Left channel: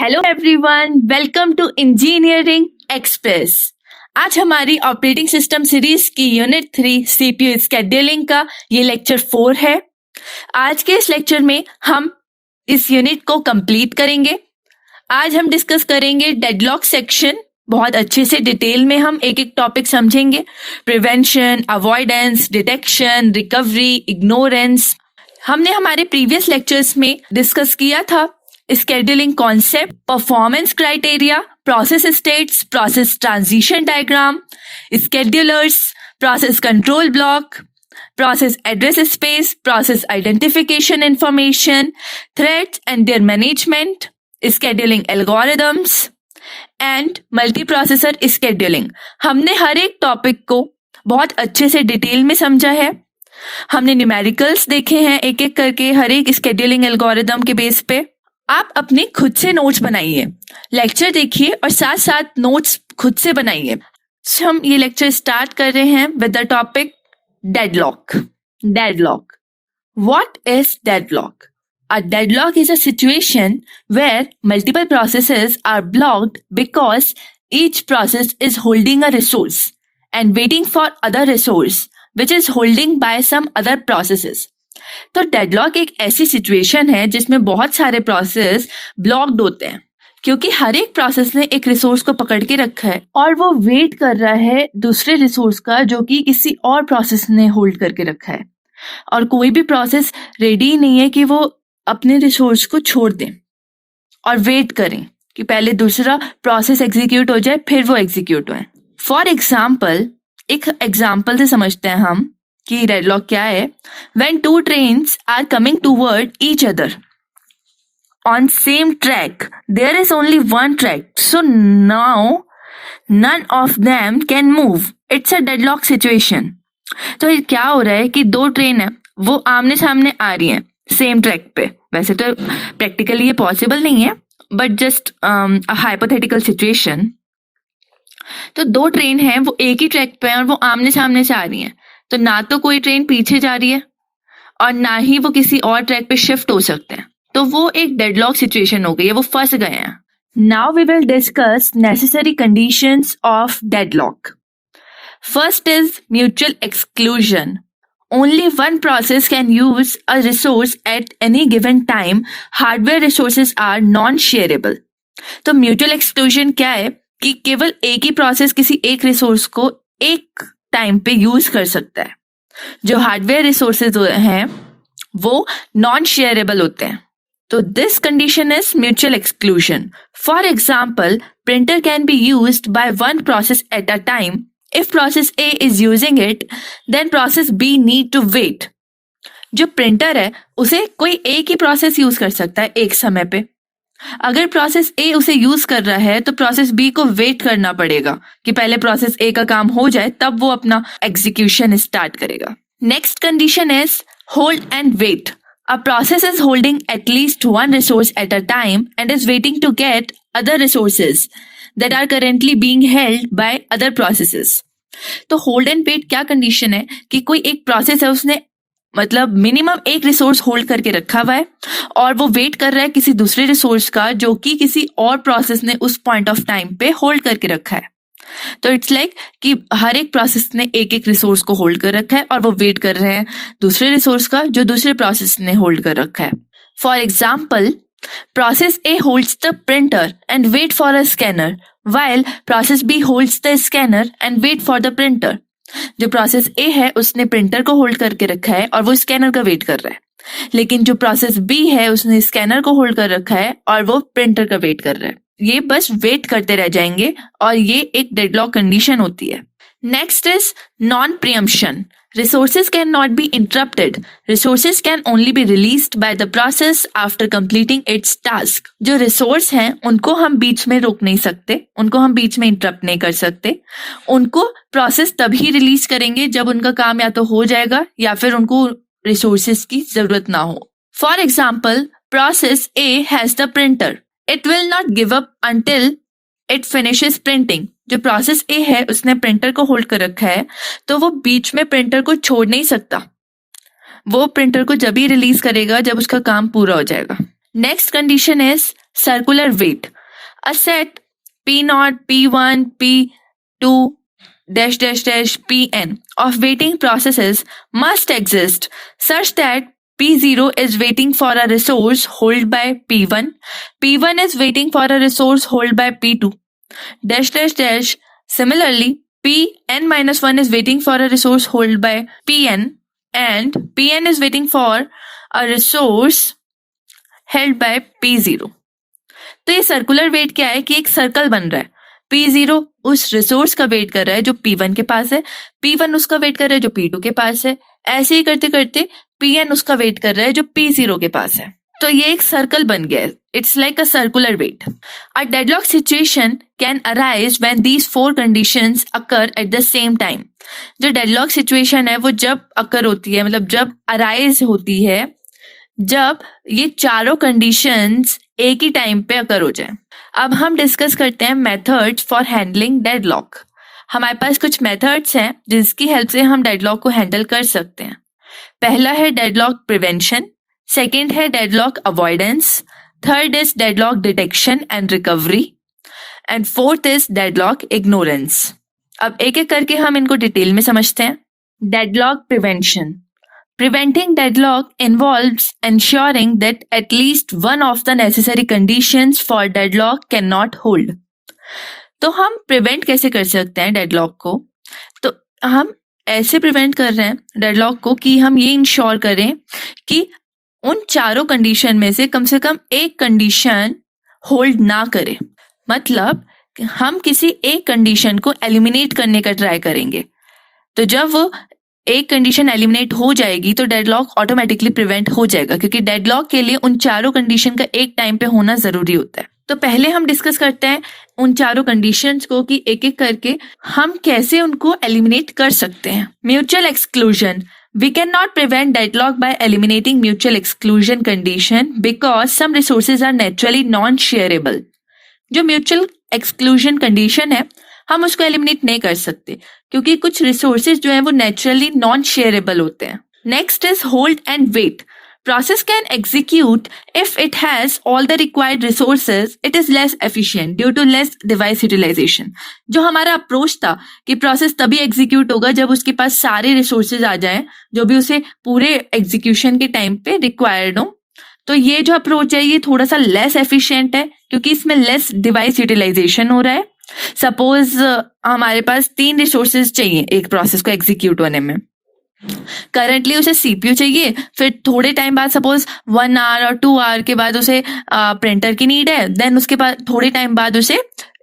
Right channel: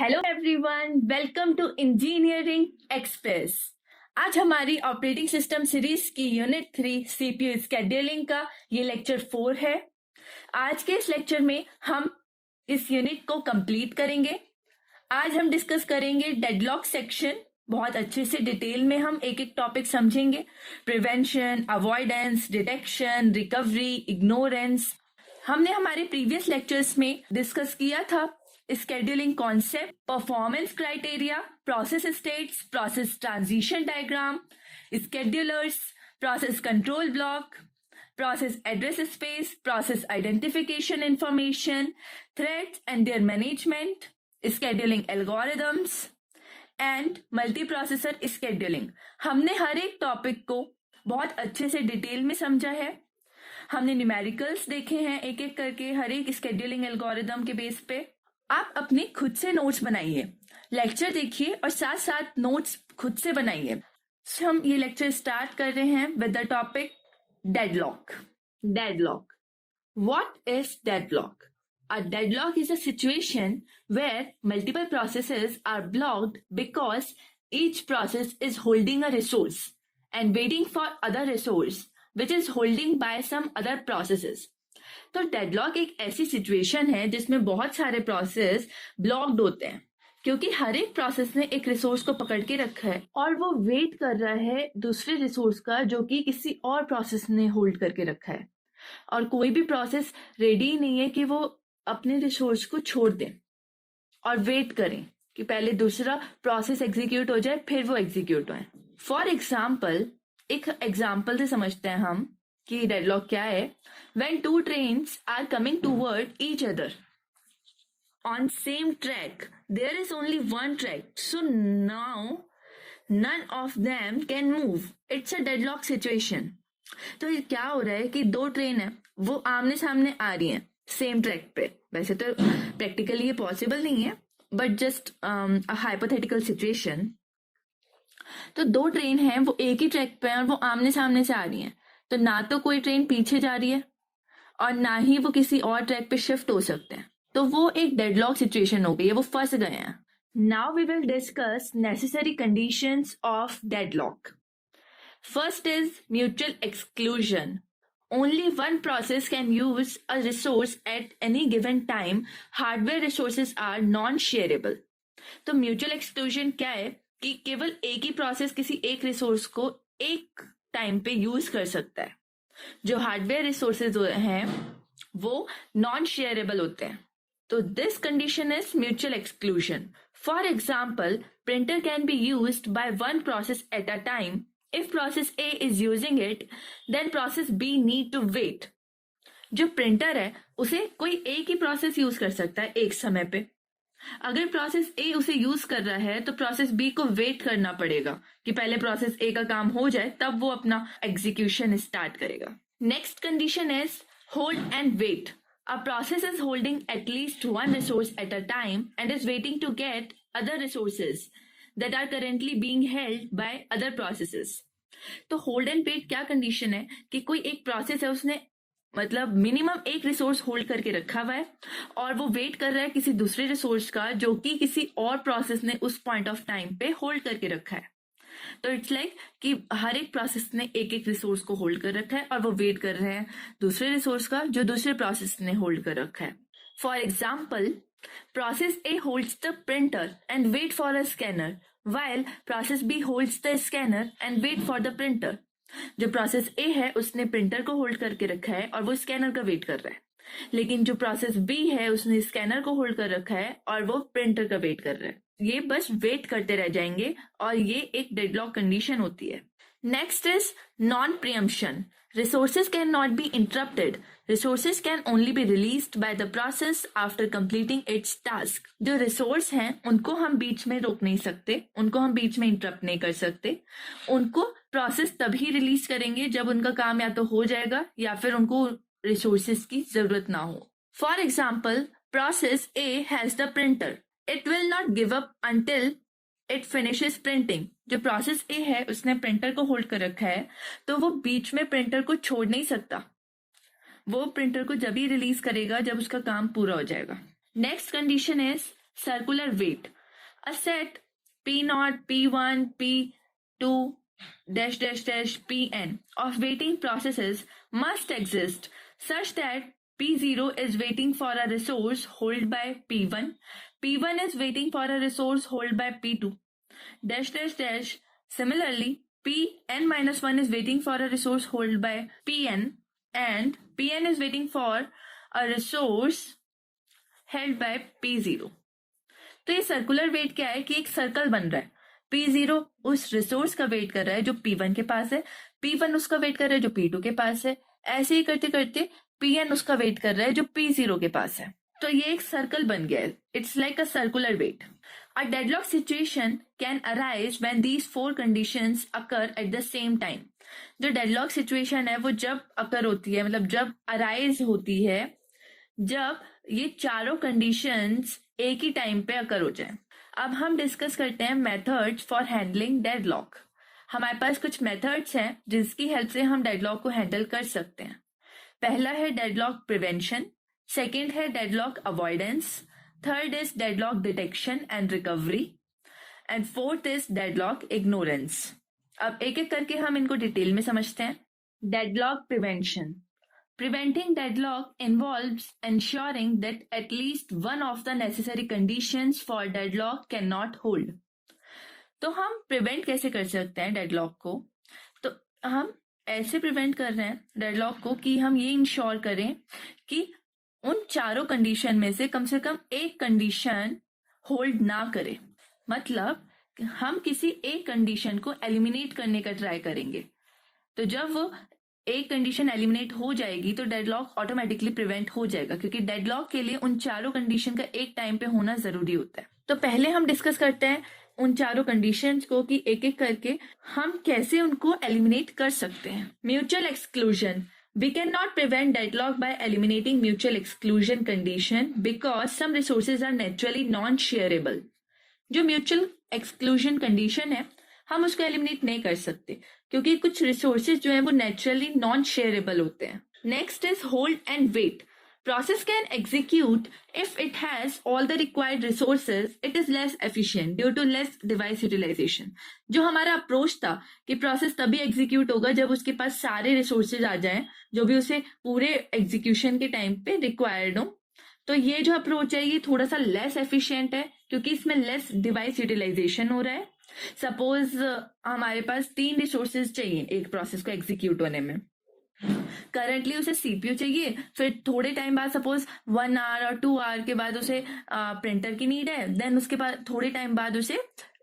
Hello everyone, welcome to engineering express. आज हमारी operating system series की यूनिट 3 सीपीयू स्केड्यूलिंग का ये लेक्चर 4 है। आज के इस लेक्चर में हम इस यूनिट को कंप्लीट करेंगे। आज हम डिस्कस करेंगे डेडलॉक सेक्शन। बहुत अच्छे से डिटेल में हम एक एक टॉपिक समझेंगे। Prevention, avoidance, detection, recovery, ignorance. हमने हमारे प्रीवियस लेक्चर्स में डिस्कस किया था scheduling concept, performance criteria, process states, process transition diagram, schedulers, process control block, process address space, process identification information, threats and their management, scheduling algorithms and multiprocessor scheduling। हमने हर एक topic को बहुत अच्छे से detail में समझा है। हमने न्यूमेरिकल्स देखे हैं एक एक करके हर एक स्केड्यूलिंग एल्गोरिदम के बेस पे। आप अपने खुद से नोट्स बनाइए, लेक्चर देखिए और साथ साथ नोट्स खुद से बनाइए। हम ये लेक्चर स्टार्ट कर रहे हैं with the topic deadlock. Deadlock. What is deadlock? A deadlock is a situation where multiple processes are blocked because each process is holding a resource and waiting for other resource which is holding by some other processes. तो deadlock एक ऐसी situation है जिसमें बहुत सारे process blocked होते हैं क्योंकि हर एक प्रोसेस ने एक रिसोर्स को पकड़ के रखा है और वो वेट कर रहा है दूसरे रिसोर्स का जो कि किसी और प्रोसेस ने होल्ड करके रखा है। और कोई भी प्रोसेस रेडी नहीं है कि वो अपने रिसोर्स को छोड़ दें और वेट करें कि पहले दूसरा प्रोसेस एग्जीक्यूट हो जाए फिर वो एग्जीक्यूट होए। फॉर एग्जाम्पल, एक एग्जाम्पल से समझते हैं हम कि डेडलॉक क्या है। When two trains are coming toward each other on same track, there is only one track, so now none of them can move. It's a deadlock situation. तो ये क्या हो रहा है कि दो ट्रेन है वो आमने सामने आ रही हैं सेम ट्रैक पे। वैसे तो प्रैक्टिकली ये पॉसिबल नहीं है बट जस्ट हाइपोथेटिकल सिचुएशन। तो दो ट्रेन हैं वो एक ही ट्रैक पे हैं और वो आमने सामने से आ रही हैं, तो ना तो कोई ट्रेन पीछे जा रही है और ना ही वो किसी और ट्रैक पे शिफ्ट हो सकते हैं। तो वो एक डेडलॉक सिचुएशन हो गई है, वो फंस गए हैं। Now we will discuss necessary conditions of deadlock. First is mutual exclusion. Only one process can use a resource at any given time. Hardware resources are non shareable. तो म्यूचुअल एक्सक्लूजन क्या है कि केवल एक ही प्रोसेस किसी एक resource को एक टाइम पे यूज कर सकता है। जो हार्डवेयर रिसोर्सेज हैं वो नॉन शेयरेबल होते हैं। So this condition is mutual exclusion. For example, printer can be used by one process at a time. If process A is using it, then process B need to wait. जो printer है उसे कोई एक ही process use कर सकता है एक समय पे। अगर प्रोसेस ए उसे यूज कर रहा है तो प्रोसेस बी को वेट करना पड़ेगा कि पहले प्रोसेस ए का काम हो जाए तब वो अपना एग्जीक्यूशन स्टार्ट करेगा। Next condition is hold and wait. A process is holding at least one resource at a time and is waiting to get other resources that are currently being held by other processes. तो hold and wait क्या condition है कि कोई एक process है उसने मतलब minimum एक रिसोर्स होल्ड करके रखा हुआ है और वो वेट कर रहा है किसी दूसरे रिसोर्स का जो कि किसी और प्रोसेस ने उस पॉइंट ऑफ टाइम पे होल्ड करके रखा है। तो इट्स लाइक कि हर एक प्रोसेस ने एक एक रिसोर्स को होल्ड कर रखा है और वो वेट कर रहे हैं दूसरे रिसोर्स का जो दूसरे प्रोसेस ने होल्ड कर रखा है। For example, process A holds the printer and wait for a scanner while process B holds the scanner and wait for the printer. जो प्रोसेस ए है उसने प्रिंटर को होल्ड करके रखा है और वो स्कैनर का वेट कर रहा है, लेकिन जो प्रोसेस बी है उसने स्कैनर को होल्ड कर रखा है और वो प्रिंटर का वेट कर रहा है। ये बस वेट करते रह जाएंगे और ये एक डेडलॉक कंडीशन होती है। Next is non preemption. Resources can not be interrupted. Resources can only be released by the process after completing it's task. जो रिसोर्स हैं उनको हम बीच में रोक नहीं सकते, उनको हम बीच में इंटरप्ट नहीं कर सकते। उनको प्रोसेस तभी रिलीज करेंगे जब उनका काम या तो हो जाएगा या फिर उनको रिसोर्सेज की जरूरत ना हो। For example, process A has the printer. It will not give up until it finishes printing. जो प्रोसेस ए है उसने प्रिंटर को होल्ड कर रखा है तो वो बीच में प्रिंटर को छोड़ नहीं सकता। वो प्रिंटर को जब ही रिलीज करेगा जब उसका काम पूरा हो जाएगा। Next condition is circular wait. A set P0, P1, P2 dash dash dash Pn of waiting processes must exist such that P0 is waiting for a resource held by P1, P1 is waiting for a resource held by P2 dash dash dash. Similarly, Pn minus 1 is waiting for a resource held by Pn and Pn is waiting for a resource held by P0. तो ये circular wait क्या है कि एक circle बन रहा है. P0 उस रिसोर्स का वेट कर रहा है जो P1 के पास है, P1 उसका वेट कर रहा है जो P2 के पास है, ऐसे ही करते करते Pn उसका वेट कर रहा है जो P0 के पास है. तो ये एक सर्कल बन गया है. It's like a circular wait. A deadlock situation can arise when these 4 conditions occur at the same time. जो डेडलॉक सिचुएशन है वो जब अकर होती है, मतलब जब अराइज होती है, जब ये चारों कंडीशंस एक ही टाइम पे अकर हो जाए. अब हम डिस्कस करते हैं मेथड्स फॉर हैंडलिंग डेडलॉक. हमारे पास कुछ मेथड्स हैं जिसकी हेल्प से हम डेडलॉक को हैंडल कर सकते हैं. पहला है डेडलॉक प्रिवेंशन, सेकंड है deadlock avoidance, third is deadlock detection and recovery and fourth is deadlock ignorance. अब एक एक करके हम इनको डिटेल में समझते हैं. Deadlock prevention. Preventing deadlock involves ensuring that at least one of the necessary conditions for deadlock cannot hold. तो हम प्रिवेंट कैसे कर सकते हैं डेडलॉक को? तो हम ऐसे प्रिवेंट कर रहे हैं डेडलॉक को कि हम ये इंश्योर करें कि उन चारों कंडीशन में से कम एक कंडीशन होल्ड ना करे. मतलब हम किसी एक कंडीशन को एलिमिनेट करने का ट्राई करेंगे. तो जब वो एक कंडीशन एलिमिनेट हो जाएगी तो डेडलॉक ऑटोमेटिकली प्रिवेंट हो जाएगा, क्योंकि डेडलॉक के लिए उन चारों कंडीशन का एक टाइम पे होना जरूरी होता है. तो पहले हम डिस्कस करते हैं उन चारों कंडीशंस को कि एक एक करके हम कैसे उनको एलिमिनेट कर सकते हैं. Mutual exclusion. We cannot prevent deadlock by eliminating mutual exclusion condition because some resources are naturally non-shareable. जो म्यूचुअल एक्सक्लूजन कंडीशन है हम उसको एलिमिनेट नहीं कर सकते क्योंकि कुछ रिसोर्सेज जो है वो नेचुरली नॉन शेयरेबल होते हैं. Next is hold and wait. Process can execute if it has all the required resources. It is less efficient due to less device utilization. जो हमारा अप्रोच था कि प्रोसेस तभी एग्जीक्यूट होगा जब उसके पास सारे रिसोर्सेज आ जाएं जो भी उसे पूरे एग्जीक्यूशन के टाइम पे रिक्वायर्ड हो. तो ये जो अप्रोच है ये थोड़ा सा लेस एफिशिएंट है क्योंकि इसमें लेस डिवाइस यूटिलाइजेशन हो रहा है. सपोज हमारे पास 3 रिसोर्सेज चाहिए एक प्रोसेस को एग्जीक्यूट होने में. करंटली उसे सीपीयू चाहिए, फिर थोड़े टाइम बाद सपोज 1 आवर और 2 आवर के बाद उसे प्रिंटर की नीड है, देन उसके बाद थोड़े टाइम बाद उसे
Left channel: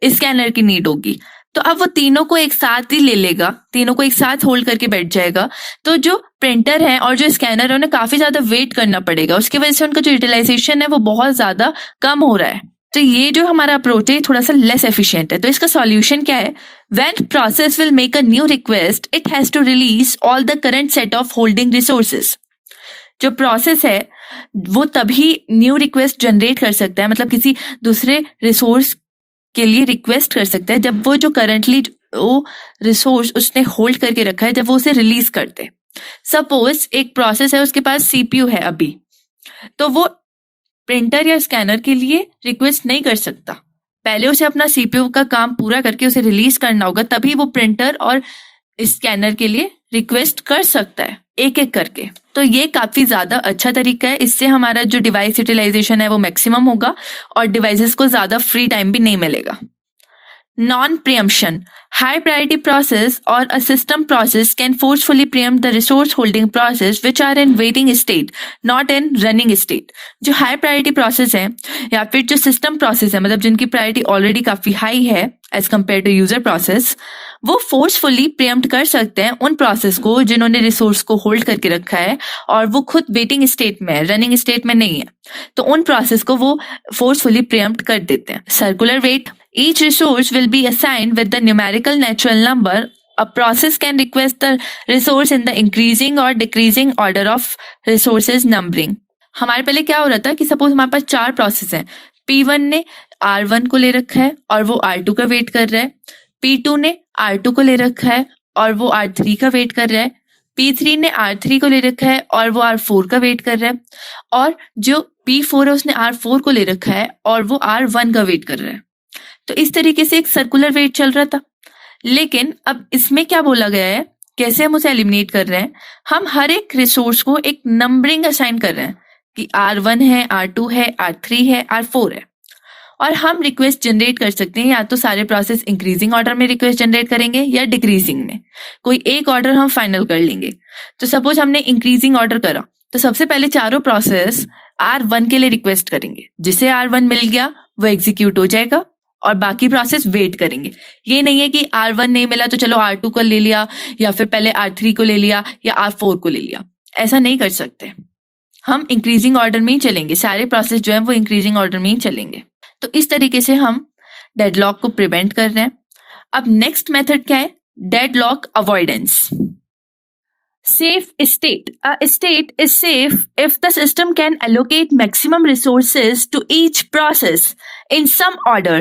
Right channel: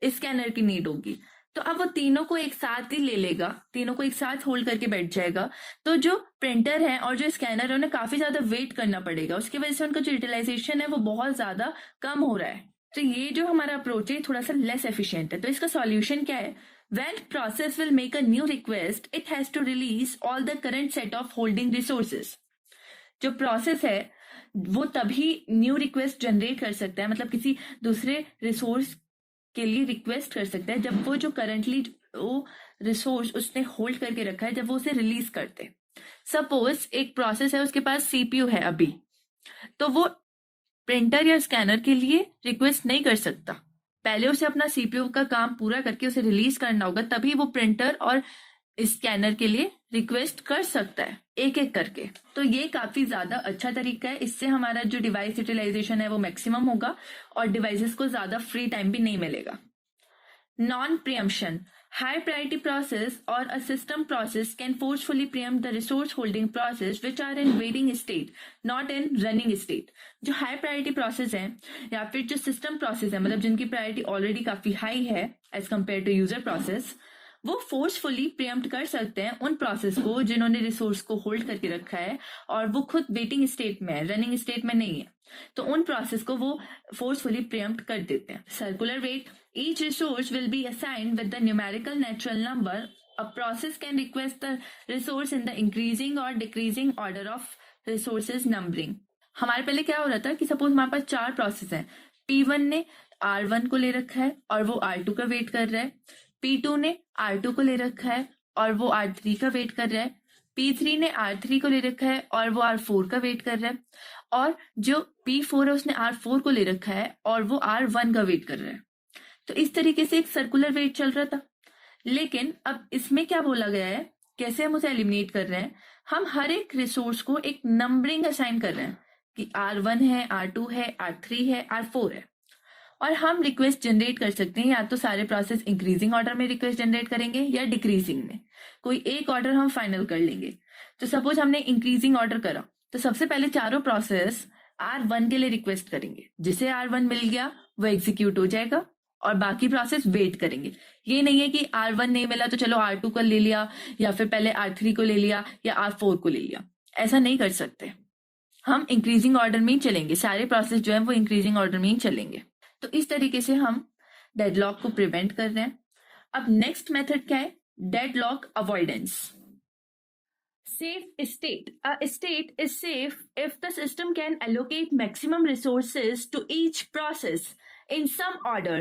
स्कैनर की नीड होगी. तो अब वो तीनों को एक साथ ही ले लेगा, तीनों को एक साथ होल्ड करके बैठ जाएगा. तो जो प्रिंटर है और जो स्कैनर है उन्हें काफी ज्यादा वेट करना पड़ेगा, उसकी वजह से उनका जो यूटिलाइजेशन है वो बहुत ज्यादा कम हो रहा है. तो ये जो हमारा अप्रोच है थोड़ा सा लेस एफिशिएंट है. तो इसका सॉल्यूशन क्या है? When process will make a new request, it has to release all the current set of holding resources. जो प्रोसेस है वो तभी न्यू रिक्वेस्ट जनरेट कर सकता है, मतलब किसी दूसरे रिसोर्स के लिए रिक्वेस्ट कर सकता है जब वो जो करंटली वो रिसोर्स उसने होल्ड करके रखा है जब वो उसे रिलीज करते. सपोज एक प्रोसेस है उसके पास सीपीयू है अभी, तो वो प्रिंटर या स्कैनर के लिए रिक्वेस्ट नहीं कर सकता. पहले उसे अपना सीपीयू का काम पूरा करके उसे रिलीज करना होगा, तभी वो प्रिंटर और स्कैनर के लिए रिक्वेस्ट कर सकता है एक एक करके. तो ये काफी ज्यादा अच्छा तरीका है. इससे हमारा जो डिवाइस यूटिलाइजेशन है वो मैक्सिमम होगा और डिवाइसेस को ज्यादा फ्री टाइम भी नहीं मिलेगा. Non preemption. High priority process or a system process can forcefully preempt the resource holding process which are in waiting state, not in running state. जो high priority process है या फिर जो system process है, मतलब जिनकी priority already काफी high है as compared to user process, वो forcefully preempt कर सकते हैं उन process को जिन्होंने resource को hold करके रखा है और वो खुद waiting state में है, running state में नहीं है. तो उन process को वो forcefully preempt कर देते हैं. Circular wait. Each resource will be assigned with the numerical natural number. A process can request the resource in the increasing or decreasing order of resources numbering. हमारे पहले क्या हो रहा था कि सपोज हमारे पास 4 प्रोसेस हैं. P1 ने R1 को ले रखा है और वो R2 का वेट कर रहा है. P2 ने R2 को ले रखा है और वो R3 का वेट कर रहा है. P3 ने R3 को ले रखा है और वो R4 का वेट कर रहा है, और जो P4 है उसने R4 को ले रखा है और वो R1 का वेट कर रहा है। तो इस तरीके से एक सर्कुलर वेट चल रहा था। लेकिन अब इसमें क्या बोला गया है, कैसे हम उसे एलिमिनेट कर रहे हैं, हम हर एक रिसोर्स को एक नंबरिंग असाइन कर रहे हैं कि R1 है, R2 है, R3 है, R4 है, और हम रिक्वेस्ट जनरेट कर सकते हैं। या तो सारे प्रोसेस इंक्रीजिंग ऑर्डर में रिक्वेस्ट जनरेट करेंगे या डिक्रीजिंग में, कोई एक ऑर्डर हम फाइनल कर लेंगे। तो सपोज हमने इंक्रीजिंग ऑर्डर करा, तो सबसे पहले चारों प्रोसेस R1 के लिए रिक्वेस्ट करेंगे, जिसे R1 मिल गया वो एग्जीक्यूट हो जाएगा और बाकी प्रोसेस वेट करेंगे। ये नहीं है कि R1 नहीं मिला तो चलो R2 को ले लिया, या फिर पहले R3 को ले लिया या R4 को ले लिया, ऐसा नहीं कर सकते। हम इंक्रीजिंग ऑर्डर में ही चलेंगे, सारे प्रोसेस जो है वो इंक्रीजिंग ऑर्डर में ही चलेंगे। तो इस तरीके से हम डेडलॉक को प्रिवेंट कर रहे हैं। अब नेक्स्ट मेथड क्या है, deadlock avoidance. Safe state. A state is safe if the system can allocate maximum resources to each process in some order,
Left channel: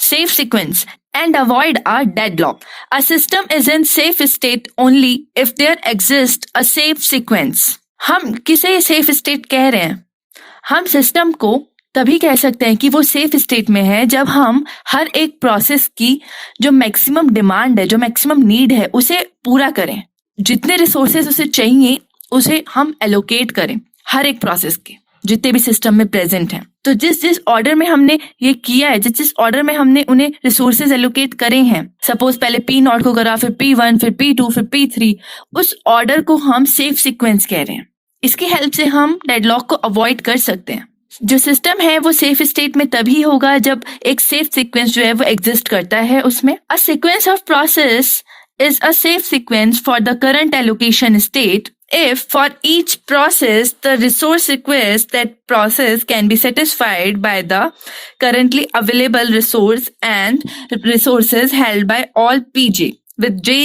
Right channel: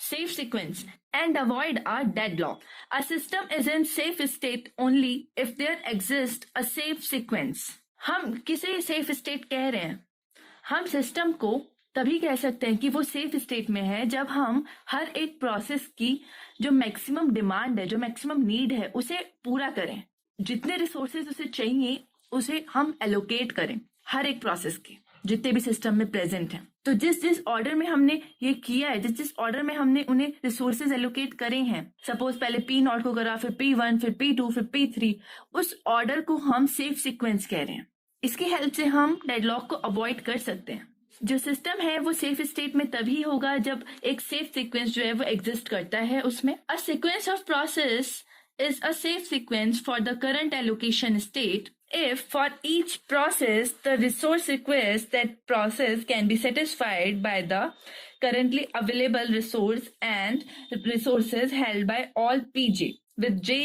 safe sequence, and avoid a deadlock. A system is in safe state only if there exists a safe sequence. हम किसे safe state कह रहे हैं? हम system को तभी कह सकते हैं कि वो सेफ स्टेट में है जब हम हर एक प्रोसेस की जो मैक्सिमम डिमांड है, जो मैक्सिमम नीड है, उसे पूरा करें। जितने रिसोर्सेज उसे चाहिए उसे हम एलोकेट करें हर एक प्रोसेस के, जितने भी सिस्टम में प्रेजेंट हैं। तो जिस जिस ऑर्डर में हमने ये किया है, जिस जिस ऑर्डर में हमने उन्हें रिसोर्सेज एलोकेट करे हैं, सपोज पहले P0 को करा, फिर P1, फिर P2, फिर P3, उस ऑर्डर को हम सेफ सीक्वेंस कह रहे हैं। इसकी हेल्प से हम डेडलॉक को अवॉइड कर सकते हैं। जो सिस्टम है वो सेफ स्टेट में तभी होगा जब एक सेफ सीक्वेंस जो है वो एग्जिस्ट करता है उसमें। A sequence of process is a safe sequence for the current allocation state if for each process the resource request that process can be satisfied by the currently available resource and resources held by all pj with j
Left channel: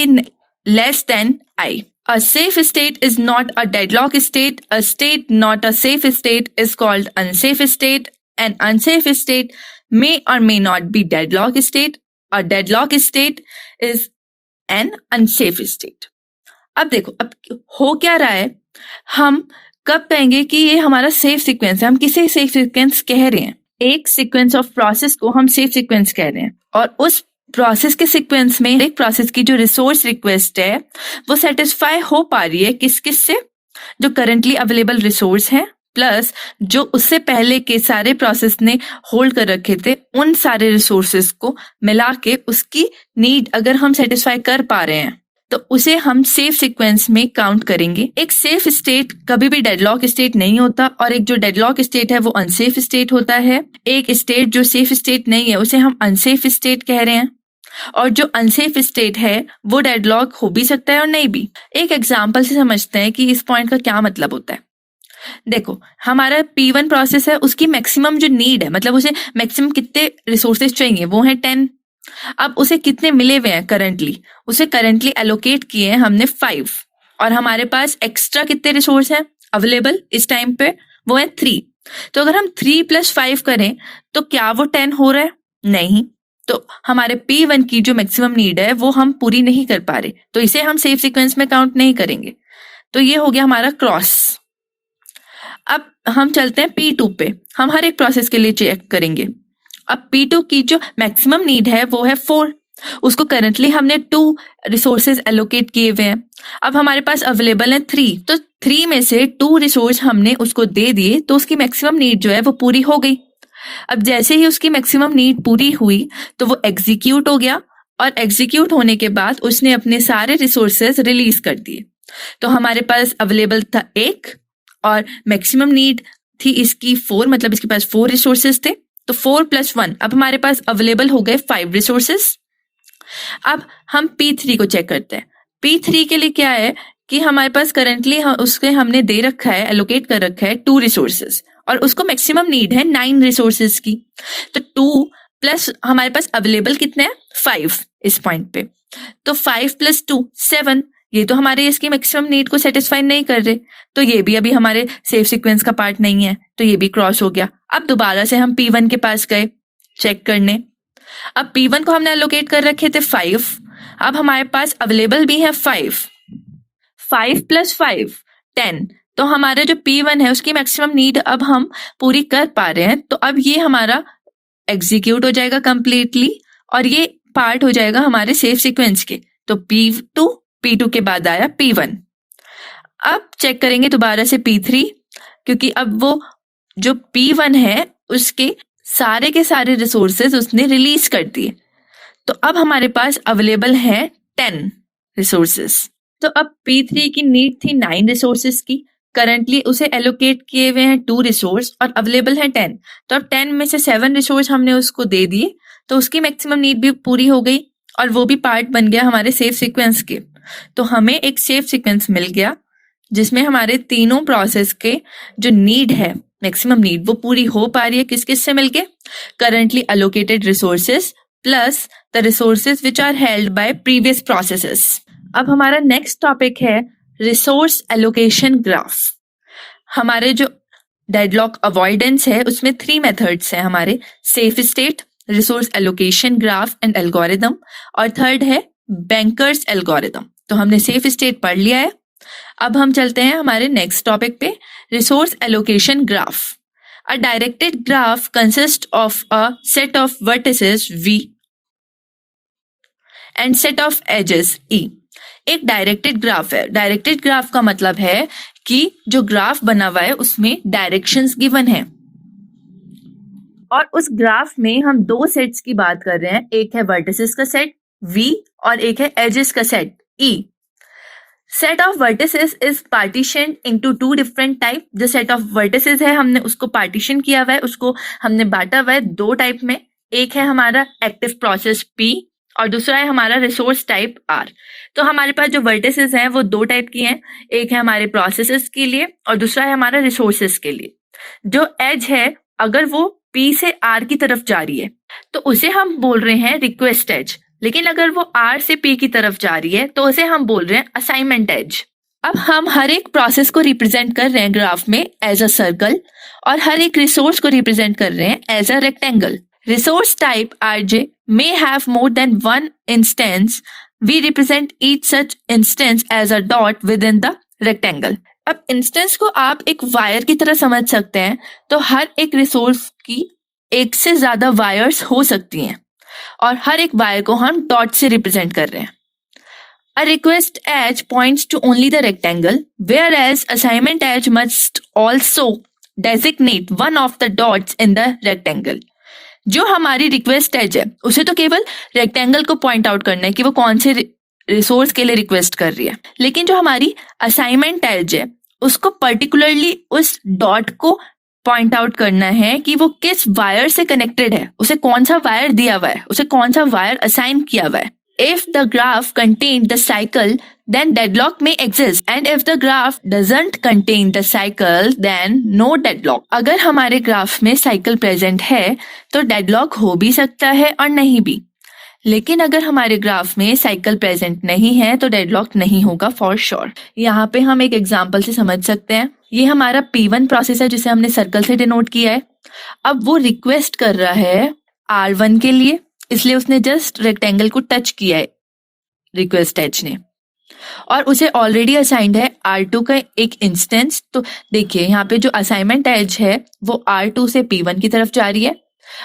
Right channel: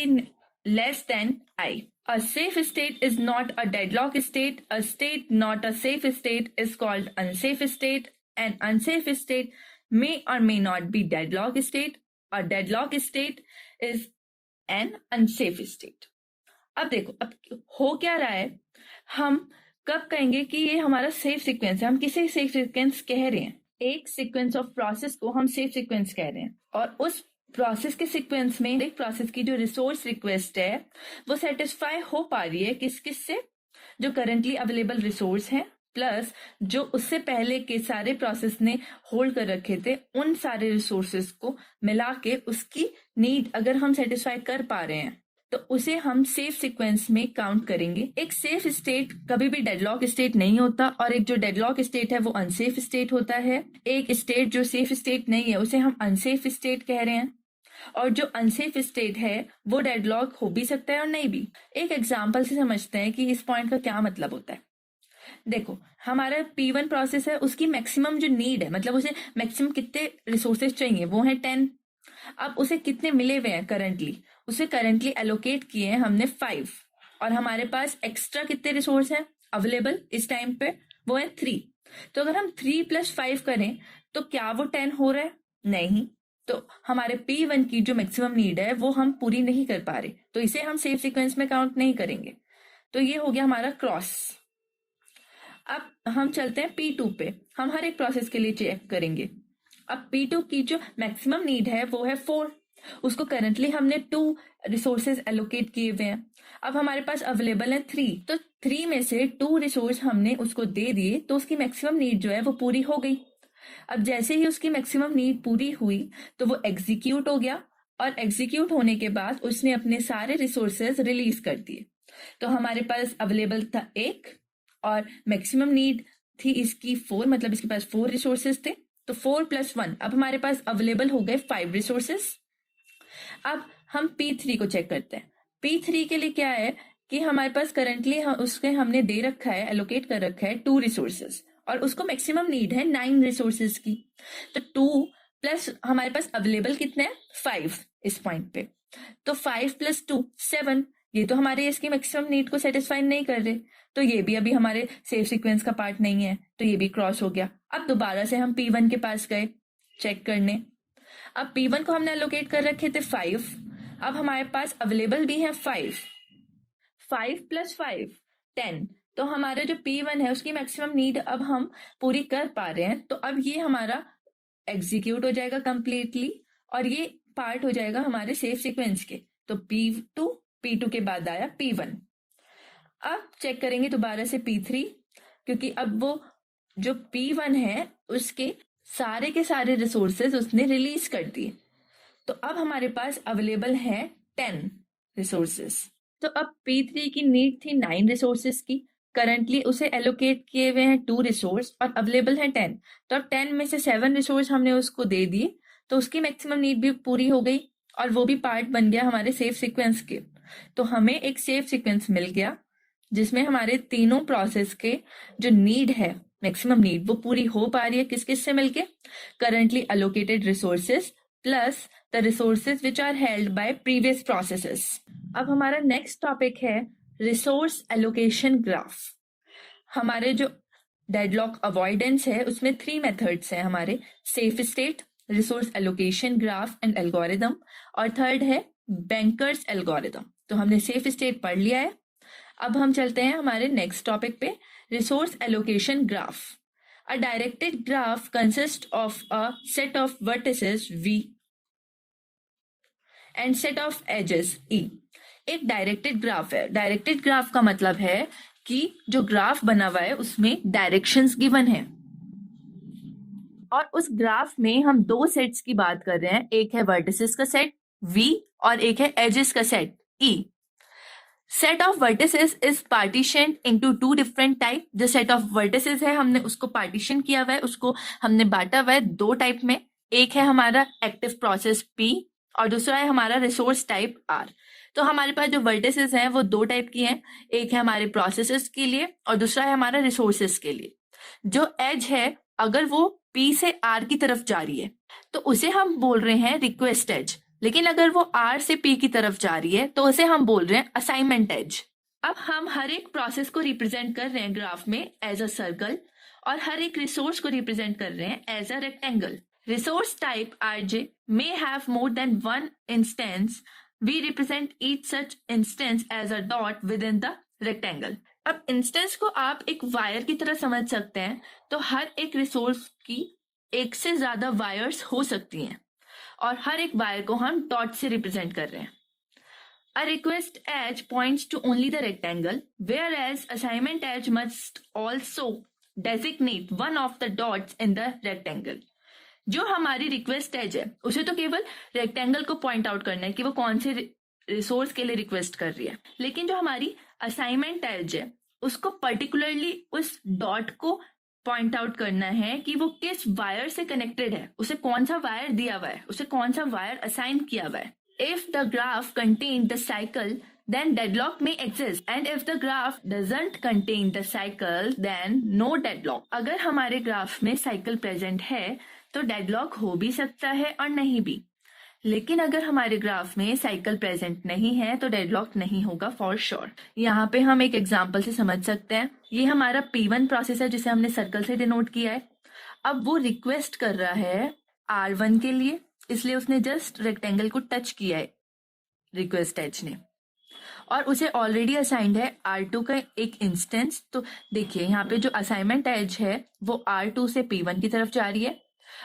less than I. A safe state is not a deadlock state. A state not a safe state is called unsafe state. An unsafe state may or may not be deadlock state. A deadlock state is an unsafe state. अब देखो, अब हो क्या रहा है, हम कब कहेंगे कि ये हमारा सेफ सीक्वेंस है? हम किसे सेफ सीक्वेंस कह रहे हैं? एक सीक्वेंस ऑफ प्रोसेस को हम सेफ सीक्वेंस कह रहे हैं, और उस प्रोसेस के सीक्वेंस में एक प्रोसेस की जो रिसोर्स रिक्वेस्ट है वो सेटिस्फाई हो पा रही है किस किस से? जो करंटली अवेलेबल रिसोर्स है प्लस जो उससे पहले के सारे प्रोसेस ने होल्ड कर रखे थे, उन सारे रिसोर्सेस को मिला के उसकी नीड अगर हम सेटिस्फाई कर पा रहे हैं तो उसे हम सेफ सीक्वेंस में काउंट करेंगे। एक सेफ स्टेट कभी भी डेडलॉक स्टेट नहीं होता, और एक जो डेडलॉक स्टेट है वो अनसेफ स्टेट होता है। एक स्टेट जो सेफ स्टेट नहीं है उसे हम अनसेफ स्टेट कह रहे हैं, और जो अनसेफ स्टेट है वो डेडलॉक हो भी सकता है और नहीं भी। एक एग्जाम्पल से समझते हैं कि इस पॉइंट का क्या मतलब होता है। देखो, हमारा P1 प्रोसेस है, उसकी मैक्सिमम जो नीड है, मतलब उसे मैक्सिमम कितने रिसोर्सेज चाहिए, वो है 10। अब उसे कितने मिले हुए हैं करंटली? उसे करंटली एलोकेट किए हैं हमने 5, और हमारे पास एक्स्ट्रा कितने रिसोर्स हैं अवेलेबल इस टाइम पे? वो है 3। तो अगर हम 3 + 5 करें तो क्या वो 10 हो रहा है? नहीं। तो हमारे P1 की जो मैक्सिमम नीड है वो हम पूरी नहीं कर पा रहे, तो इसे हम सेफ सीक्वेंस में काउंट नहीं करेंगे। तो ये हो गया हमारा क्रॉस। अब हम चलते हैं P2 पे, हम हर एक प्रोसेस के लिए चेक करेंगे। अब P2 की जो मैक्सिमम नीड है वो है 4, उसको करंटली हमने 2 रिसोर्सेज एलोकेट किए हुए हैं। अब हमारे पास अवेलेबल है 3, तो 3 में से 2 रिसोर्स हमने उसको दे दिए, तो उसकी मैक्सिमम नीड जो है वो पूरी हो गई। अब जैसे ही उसकी मैक्सिमम नीड पूरी हुई तो वो एग्जीक्यूट हो गया, और एग्जीक्यूट होने के बाद उसने अपने सारे रिसोर्सेज रिलीज कर दिए। तो हमारे पास अवेलेबल था 1 और मैक्सिमम नीड थी इसकी 4, मतलब इसके पास 4 रिसोर्सेज थे। तो 4 + 1, अब हमारे पास अवेलेबल हो गए 5 रिसोर्सेज। अब हम P3 को चेक करते हैं। P3 के लिए क्या है कि हमारे पास करंटली उसके हमने दे रखा है, एलोकेट कर रखा है 2 रिसोर्सेज, और उसको मैक्सिमम नीड है 9 रिसोर्सेज की। तो 2 प्लस हमारे पास अवेलेबल कितने हैं? 5 इस पॉइंट पे। तो 5 + 2 7, ये तो हमारे इसकी मैक्सिमम नीड को सेटिस्फाई नहीं कर रहे, तो ये भी अभी हमारे सेफ सीक्वेंस का पार्ट नहीं है, तो ये भी क्रॉस हो गया। अब दोबारा से हम P1 के पास गए चेक करने। अब P1 को हमने एलोकेट कर रखे थे 5, अब हमारे पास अवेलेबल भी है 5। 5 + 5 10, तो हमारा जो P1 है उसकी मैक्सिमम नीड अब हम पूरी कर पा रहे हैं, तो अब ये हमारा एग्जीक्यूट हो जाएगा कंप्लीटली और ये पार्ट हो जाएगा हमारे सेव सीक्वेंस के। तो P2 के बाद आया P1। अब चेक करेंगे दोबारा से P3, क्योंकि अब वो जो P1 है उसके सारे के सारे रिसोर्सेज उसने रिलीज कर दिए, तो अब हमारे पास अवेलेबल है 10 रिसोर्सेज। तो अब P3 की नीड थी 9 रिसोर्सेज की, करंटली उसे एलोकेट किए हुए हैं 2 रिसोर्स और अवेलेबल है 10, तो अब 10 में से 7 रिसोर्स हमने उसको दे दिए, तो उसकी मैक्सिमम नीड भी पूरी हो गई और वो भी पार्ट बन गया हमारे सेव सीक्वेंस के। तो हमें एक सेव सीक्वेंस मिल गया जिसमें हमारे तीनों प्रोसेस के जो नीड है, मैक्सिमम नीड, वो पूरी हो पा रही है। किस किस से मिलके? Currently allocated resources plus the resources which are held by previous processes. अब हमारा नेक्स्ट टॉपिक है रिसोर्स एलोकेशन ग्राफ। हमारे जो डेडलॉक अवॉइडेंस है उसमें 3 मेथड्स हैं हमारे, safe state, resource allocation graph and algorithm, और थर्ड है बैंकर्स एल्गोरिदम। तो हमने सेफ स्टेट पढ़ लिया है। अब हम चलते हैं हमारे नेक्स्ट टॉपिक पे, resource allocation graph. A directed graph consist of a set of vertices V and set of edges E। एक डायरेक्टेड ग्राफ है। डायरेक्टेड ग्राफ का मतलब है कि जो ग्राफ बना हुआ है उसमें डायरेक्शंस गिवन है और उस ग्राफ में हम 2 सेट्स की बात कर रहे हैं, एक है वर्टिसेस का सेट V और एक है एजेस का set E। Set of vertices is partition into 2 different type. जो सेट ऑफ वर्टिसेस है हमने उसको पार्टीशन किया हुआ है, उसको हमने बांटा हुआ है 2 टाइप में। एक है हमारा एक्टिव प्रोसेस P और दूसरा है हमारा रिसोर्स टाइप R। तो हमारे पास जो वर्टिसेस हैं वो 2 टाइप की हैं, एक है हमारे प्रोसेसेस के लिए और दूसरा है हमारा रिसोर्सेस के लिए। जो एज है अगर वो P से R की तरफ जा रही है तो उसे हम बोल रहे हैं रिक्वेस्ट एज, लेकिन अगर वो R से P की तरफ जा रही है तो उसे हम बोल रहे हैं असाइनमेंट एज। अब हम हर एक प्रोसेस को रिप्रेजेंट कर रहे हैं ग्राफ में एज अ सर्कल और हर एक रिसोर्स को रिप्रेजेंट कर रहे हैं as a rectangle. Resource type Rj may have more than one instance. We represent each such instance as a dot within the rectangle. अब इंस्टेंस को आप एक वायर की तरह समझ सकते हैं, तो हर एक रिसोर्स की एक से ज्यादा वायर्स हो सकती हैं और हर एक वायर को हम डॉट से रिप्रेजेंट कर रहे हैं। A request edge points to only the rectangle, whereas assignment edge must also designate one of the dots in the rectangle. जो हमारी रिक्वेस्ट एज है उसे तो केवल रेक्टेंगल को पॉइंट आउट करना है कि वो कौन से रिसोर्स के लिए रिक्वेस्ट कर रही है, लेकिन जो हमारी असाइनमेंट एज है उसको पर्टिकुलरली उस डॉट को पॉइंट आउट करना है कि वो किस वायर से कनेक्टेड है, उसे कौन सा वायर दिया हुआ है, उसे कौन सा वायर असाइन किया हुआ है। If the graph contains the cycle, then deadlock may exist, and if the graph doesn't contain the cycle, then no deadlock. अगर हमारे ग्राफ में साइकिल प्रेजेंट है तो डेडलॉक हो भी सकता है और नहीं भी, लेकिन अगर हमारे ग्राफ में साइकिल प्रेजेंट नहीं है तो डेडलॉक नहीं होगा फॉर श्योर। यहाँ पे हम एक एग्जांपल से समझ सकते हैं। ये हमारा P1 प्रोसेस है जिसे हमने सर्कल से डिनोट किया है। अब वो रिक्वेस्ट कर रहा है R1 के लिए, इसलिए उसने जस्ट रेक्टेंगल को टच किया है रिक्वेस्ट एज ने और उसे ऑलरेडी असाइंड है R2 का एक इंस्टेंस। तो देखिए यहाँ पे जो असाइनमेंट एज है वो R2 से P1 की तरफ जा रही है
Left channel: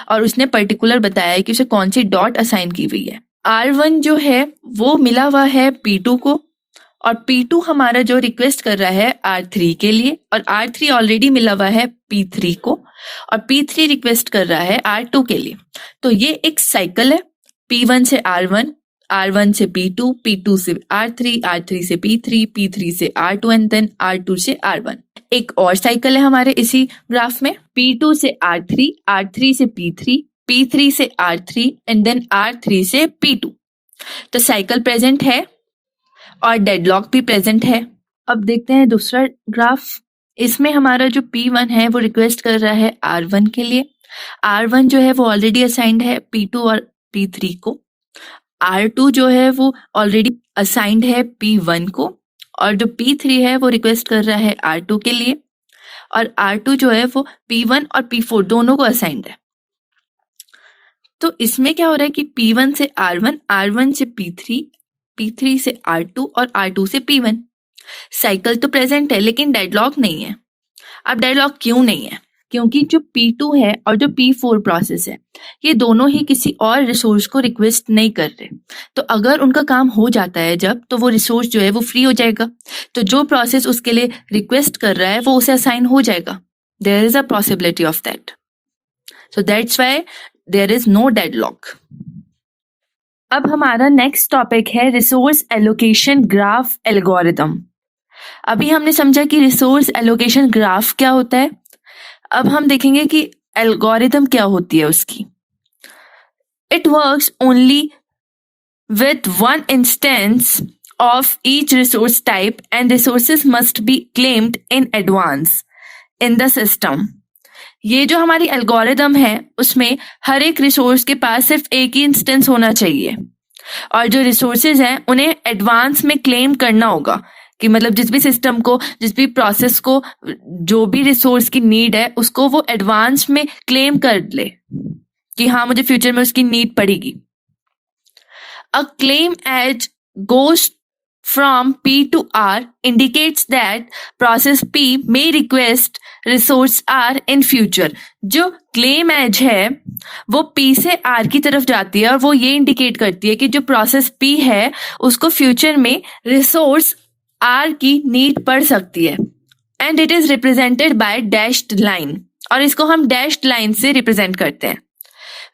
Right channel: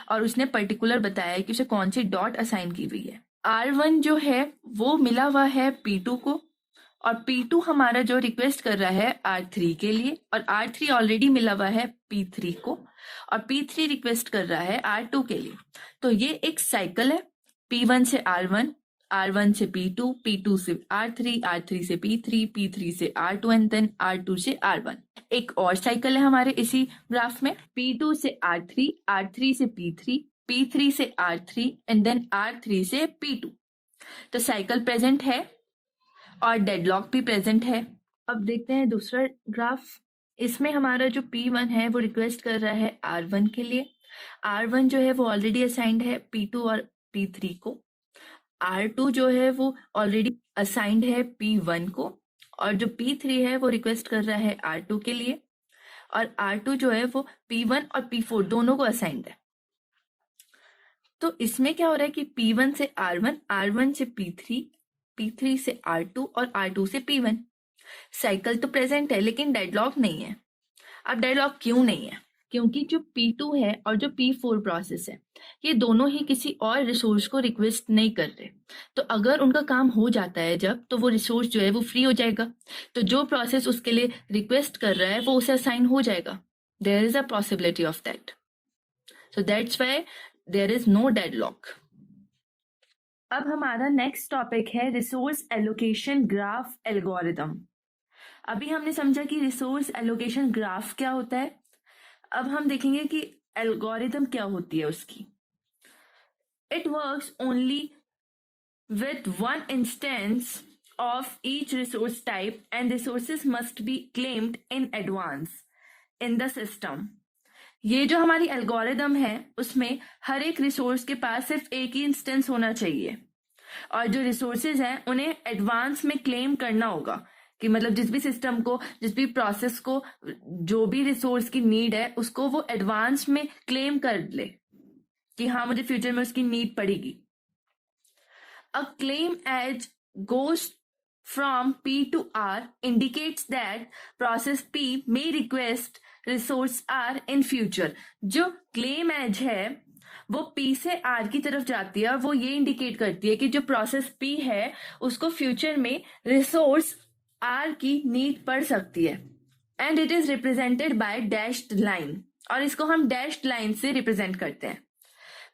और उसने पर्टिकुलर बताया है कि उसे कौन सी डॉट असाइन की हुई है। R1 जो है वो मिला हुआ है P2 को और P2 हमारा जो रिक्वेस्ट कर रहा है R3 के लिए और R3 ऑलरेडी मिला हुआ है P3 को और P3 रिक्वेस्ट कर रहा है R2 के लिए। तो ये एक साइकिल है, P1 से R1, R1 से P2, P2 से R3, R3 से P3, P3 से R2 एंड देन R2 से R1। एक और साइकिल है हमारे इसी ग्राफ में, P2 से R3, R3 से P3, P3 से R3 एंड देन R3 से P2। तो साइकिल प्रेजेंट है और डेडलॉक भी प्रेजेंट है। अब देखते हैं दूसरा ग्राफ। इसमें हमारा जो P1 है वो रिक्वेस्ट कर रहा है R1 के लिए। R1 जो है वो ऑलरेडी असाइंड है P2 और P3 को। R2 जो है वो ऑलरेडी असाइंड है P1 को और जो P3 है वो रिक्वेस्ट कर रहा है R2 के लिए और R2 जो है वो P1 और P4 दोनों को असाइंड है। तो इसमें क्या हो रहा है कि P1 से R1, R1 से P3, P3 से R2 और R2 से P1। साइकिल तो प्रेजेंट है लेकिन डेडलॉक नहीं है। अब डेडलॉक क्यों नहीं है? क्योंकि जो P2 है और जो P4 प्रोसेस है, ये दोनों ही किसी और रिसोर्स को रिक्वेस्ट नहीं कर रहे। तो अगर उनका काम हो जाता है जब, तो वो रिसोर्स जो है वो फ्री हो जाएगा। तो जो प्रोसेस उसके लिए रिक्वेस्ट कर रहा है वो उसे असाइन हो जाएगा। There is a possibility of that, so that's why there is no deadlock. अब हमारा नेक्स्ट टॉपिक है रिसोर्स एलोकेशन ग्राफ एल्गोरिथम। अभी हमने समझा कि रिसोर्स एलोकेशन ग्राफ क्या होता है। अब हम देखेंगे कि एल्गोरिथम क्या होती है उसकी। It works only with one instance of each resource type and resources must be claimed in advance in the system. ये जो हमारी एल्गोरिथम है उसमें हर एक रिसोर्स के पास सिर्फ एक ही इंस्टेंस होना चाहिए और जो रिसोर्सेज हैं उन्हें एडवांस में क्लेम करना होगा कि मतलब जिस भी सिस्टम को, जिस भी प्रोसेस को जो भी रिसोर्स की नीड है उसको वो एडवांस में क्लेम कर ले कि हाँ मुझे फ्यूचर में उसकी नीड पड़ेगी। A claim edge goes from P to R indicates that process P may request resource R in future। जो claim edge है वो P से R की तरफ जाती है और वो ये इंडिकेट करती है कि जो प्रोसेस P है उसको फ्यूचर में रिसोर्स R की नीड पड़ सकती है। And it is represented by dashed line, और इसको हम डैश्ड लाइन से रिप्रेजेंट करते हैं।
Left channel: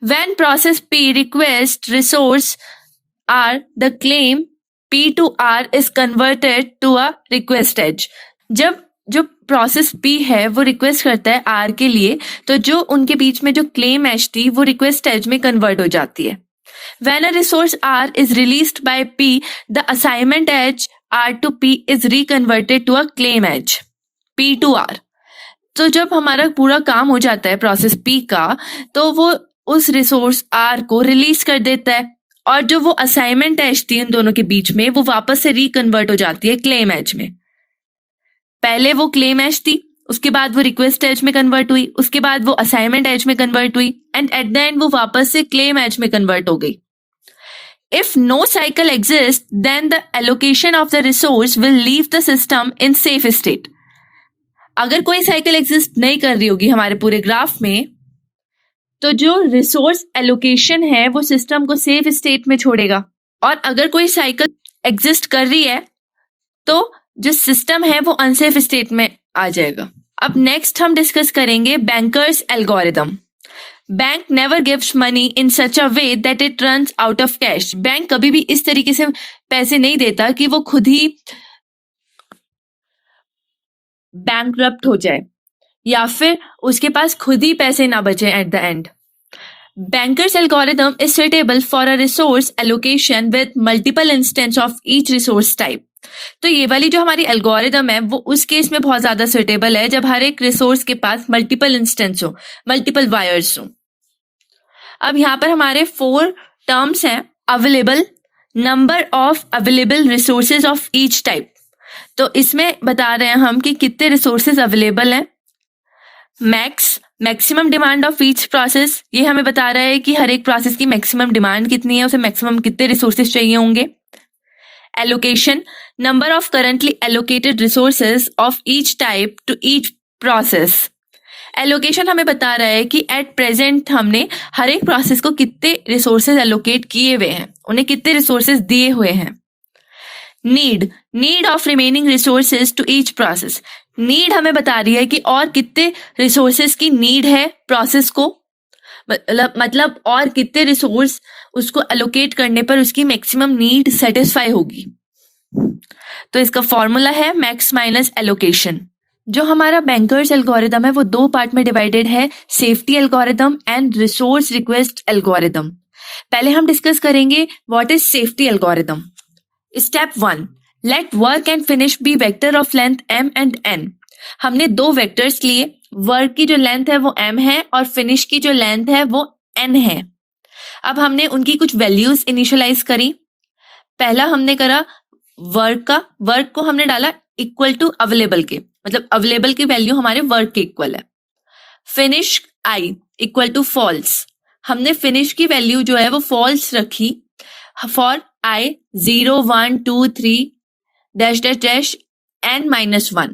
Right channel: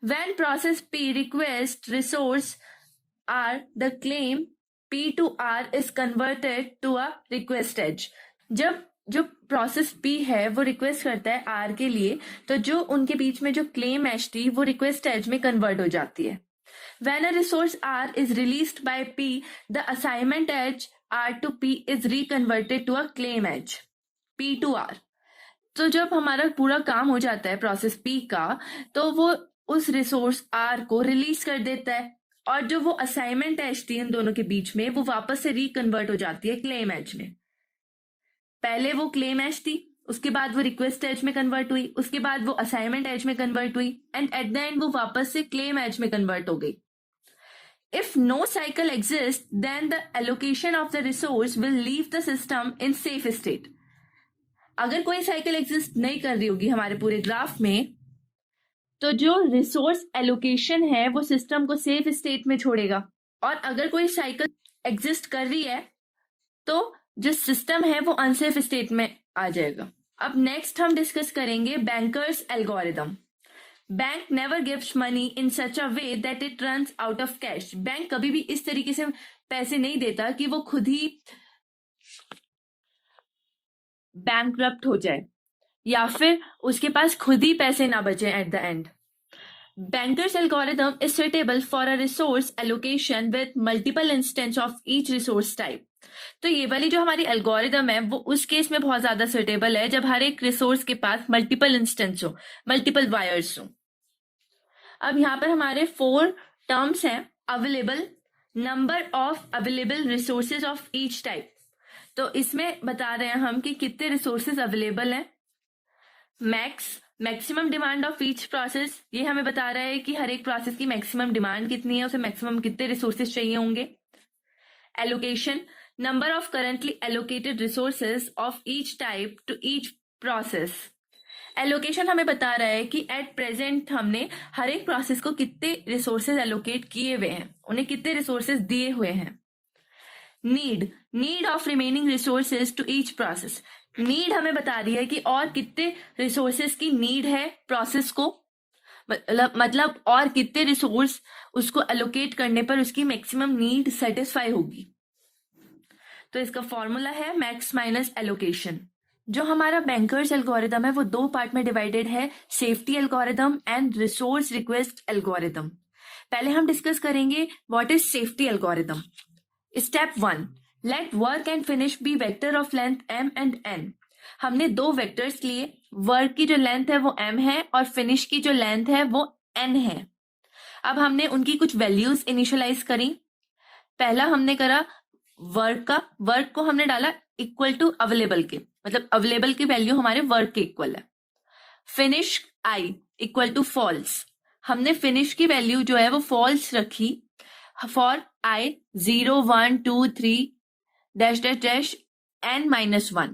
When process P requests resource R, the claim P to R is converted to a request edge। जब जो प्रोसेस P है वो रिक्वेस्ट करता है R के लिए, तो जो उनके बीच में जो क्लेम एज थी वो रिक्वेस्ट एज में कन्वर्ट हो जाती है। When a resource R is released by P, the assignment edge R to P is reconverted to a claim edge P to R। तो जब हमारा पूरा काम हो जाता है प्रोसेस P का, तो वो उस रिसोर्स R को रिलीज कर देता है और जो वो असाइनमेंट एज थी इन दोनों के बीच में वो वापस से रिकन्वर्ट हो जाती है क्लेम एज में। पहले वो क्लेम एज थी, उसके बाद वो रिक्वेस्ट एज में कन्वर्ट हुई, उसके बाद वो असाइनमेंट एज में कन्वर्ट हुई एंड एट द एंड वो वापस से क्लेम एज में कन्वर्ट हो गई। If no cycle exist then the allocation of the resource will leave the system in safe state. अगर कोई साइकिल एग्जिस्ट नहीं कर रही होगी हमारे पूरे ग्राफ में, तो जो रिसोर्स एलोकेशन है वो सिस्टम को सेफ स्टेट में छोड़ेगा, और अगर कोई साइकिल एग्जिस्ट कर रही है तो जो सिस्टम है वो अनसेफ स्टेट में आ जाएगा। अब नेक्स्ट हम डिस्कस करेंगे bankers algorithm. Bank never gives money in such a way that it runs out of cash. Bank कभी भी इस तरीके से पैसे नहीं देता कि वो खुद ही बैंकरप्ट हो जाए या फिर उसके पास खुद ही पैसे ना बचे eight the and. Banker's algorithm is suitable for a resource allocation with multiple instance of each resource type। तो ये वाली जो हमारी एल्गोरिथम है वो उस केस में बहुत ज्यादा सुटेबल है जब हर एक रिसोर्स के पास मल्टीपल इंस्टेंस हो, मल्टीपल वायर्स हो। अब यहाँ पर हमारे 4 टर्म्स हैं। Available, number of available resources of each type. तो इसमें बता रहे हैं हम कि कितने रिसोर्सेज अवेलेबल हैं। Max, maximum demand of each process, ये हमें बता रहा है कि हर एक प्रोसेस की मैक्सिमम डिमांड कितनी है, उसे मैक्सिमम कितने रिसोर्सेज चाहिए होंगे। Allocation, number of currently allocated resources of each type two each process. Allocation हमें बता रहा है कि एट प्रेजेंट हमने हर एक प्रोसेस को कितने रिसोर्सेज एलोकेट किए हुए हैं, उन्हें कितने रिसोर्सेज दिए हुए हैं। Need, need of remaining resources to each process. Need हमें बता रही है कि और कितने रिसोर्सेज की नीड है प्रोसेस को, मतलब और कितने रिसोर्स उसको एलोकेट करने पर उसकी मैक्सिमम नीड सेटिस्फाई होगी। तो इसका फॉर्मूला है मैक्स माइनस एलोकेशन। जो हमारा बैंकर्स एल्गोरिथम है वो 2 पार्ट में डिवाइडेड है, safety algorithm and resource request algorithm. पहले हम डिस्कस करेंगे what is safety algorithm. Step 1, let work and finish be vector of length m and n। हमने 2 वेक्टर्स लिए, वर्क की जो लेंथ है वो m है और फिनिश की जो लेंथ है वो n है। अब हमने उनकी कुछ वैल्यूज इनिशियलाइज करी। पहला हमने करा वर्क का, वर्क को हमने डाला इक्वल टू अवेलेबल के, मतलब अवेलेबल की वैल्यू हमारे वर्क के इक्वल है। Finish i equal to false, हमने फिनिश की वैल्यू जो है वो फॉल्स रखी for i 0 1 2 3 dash dash dash n-1।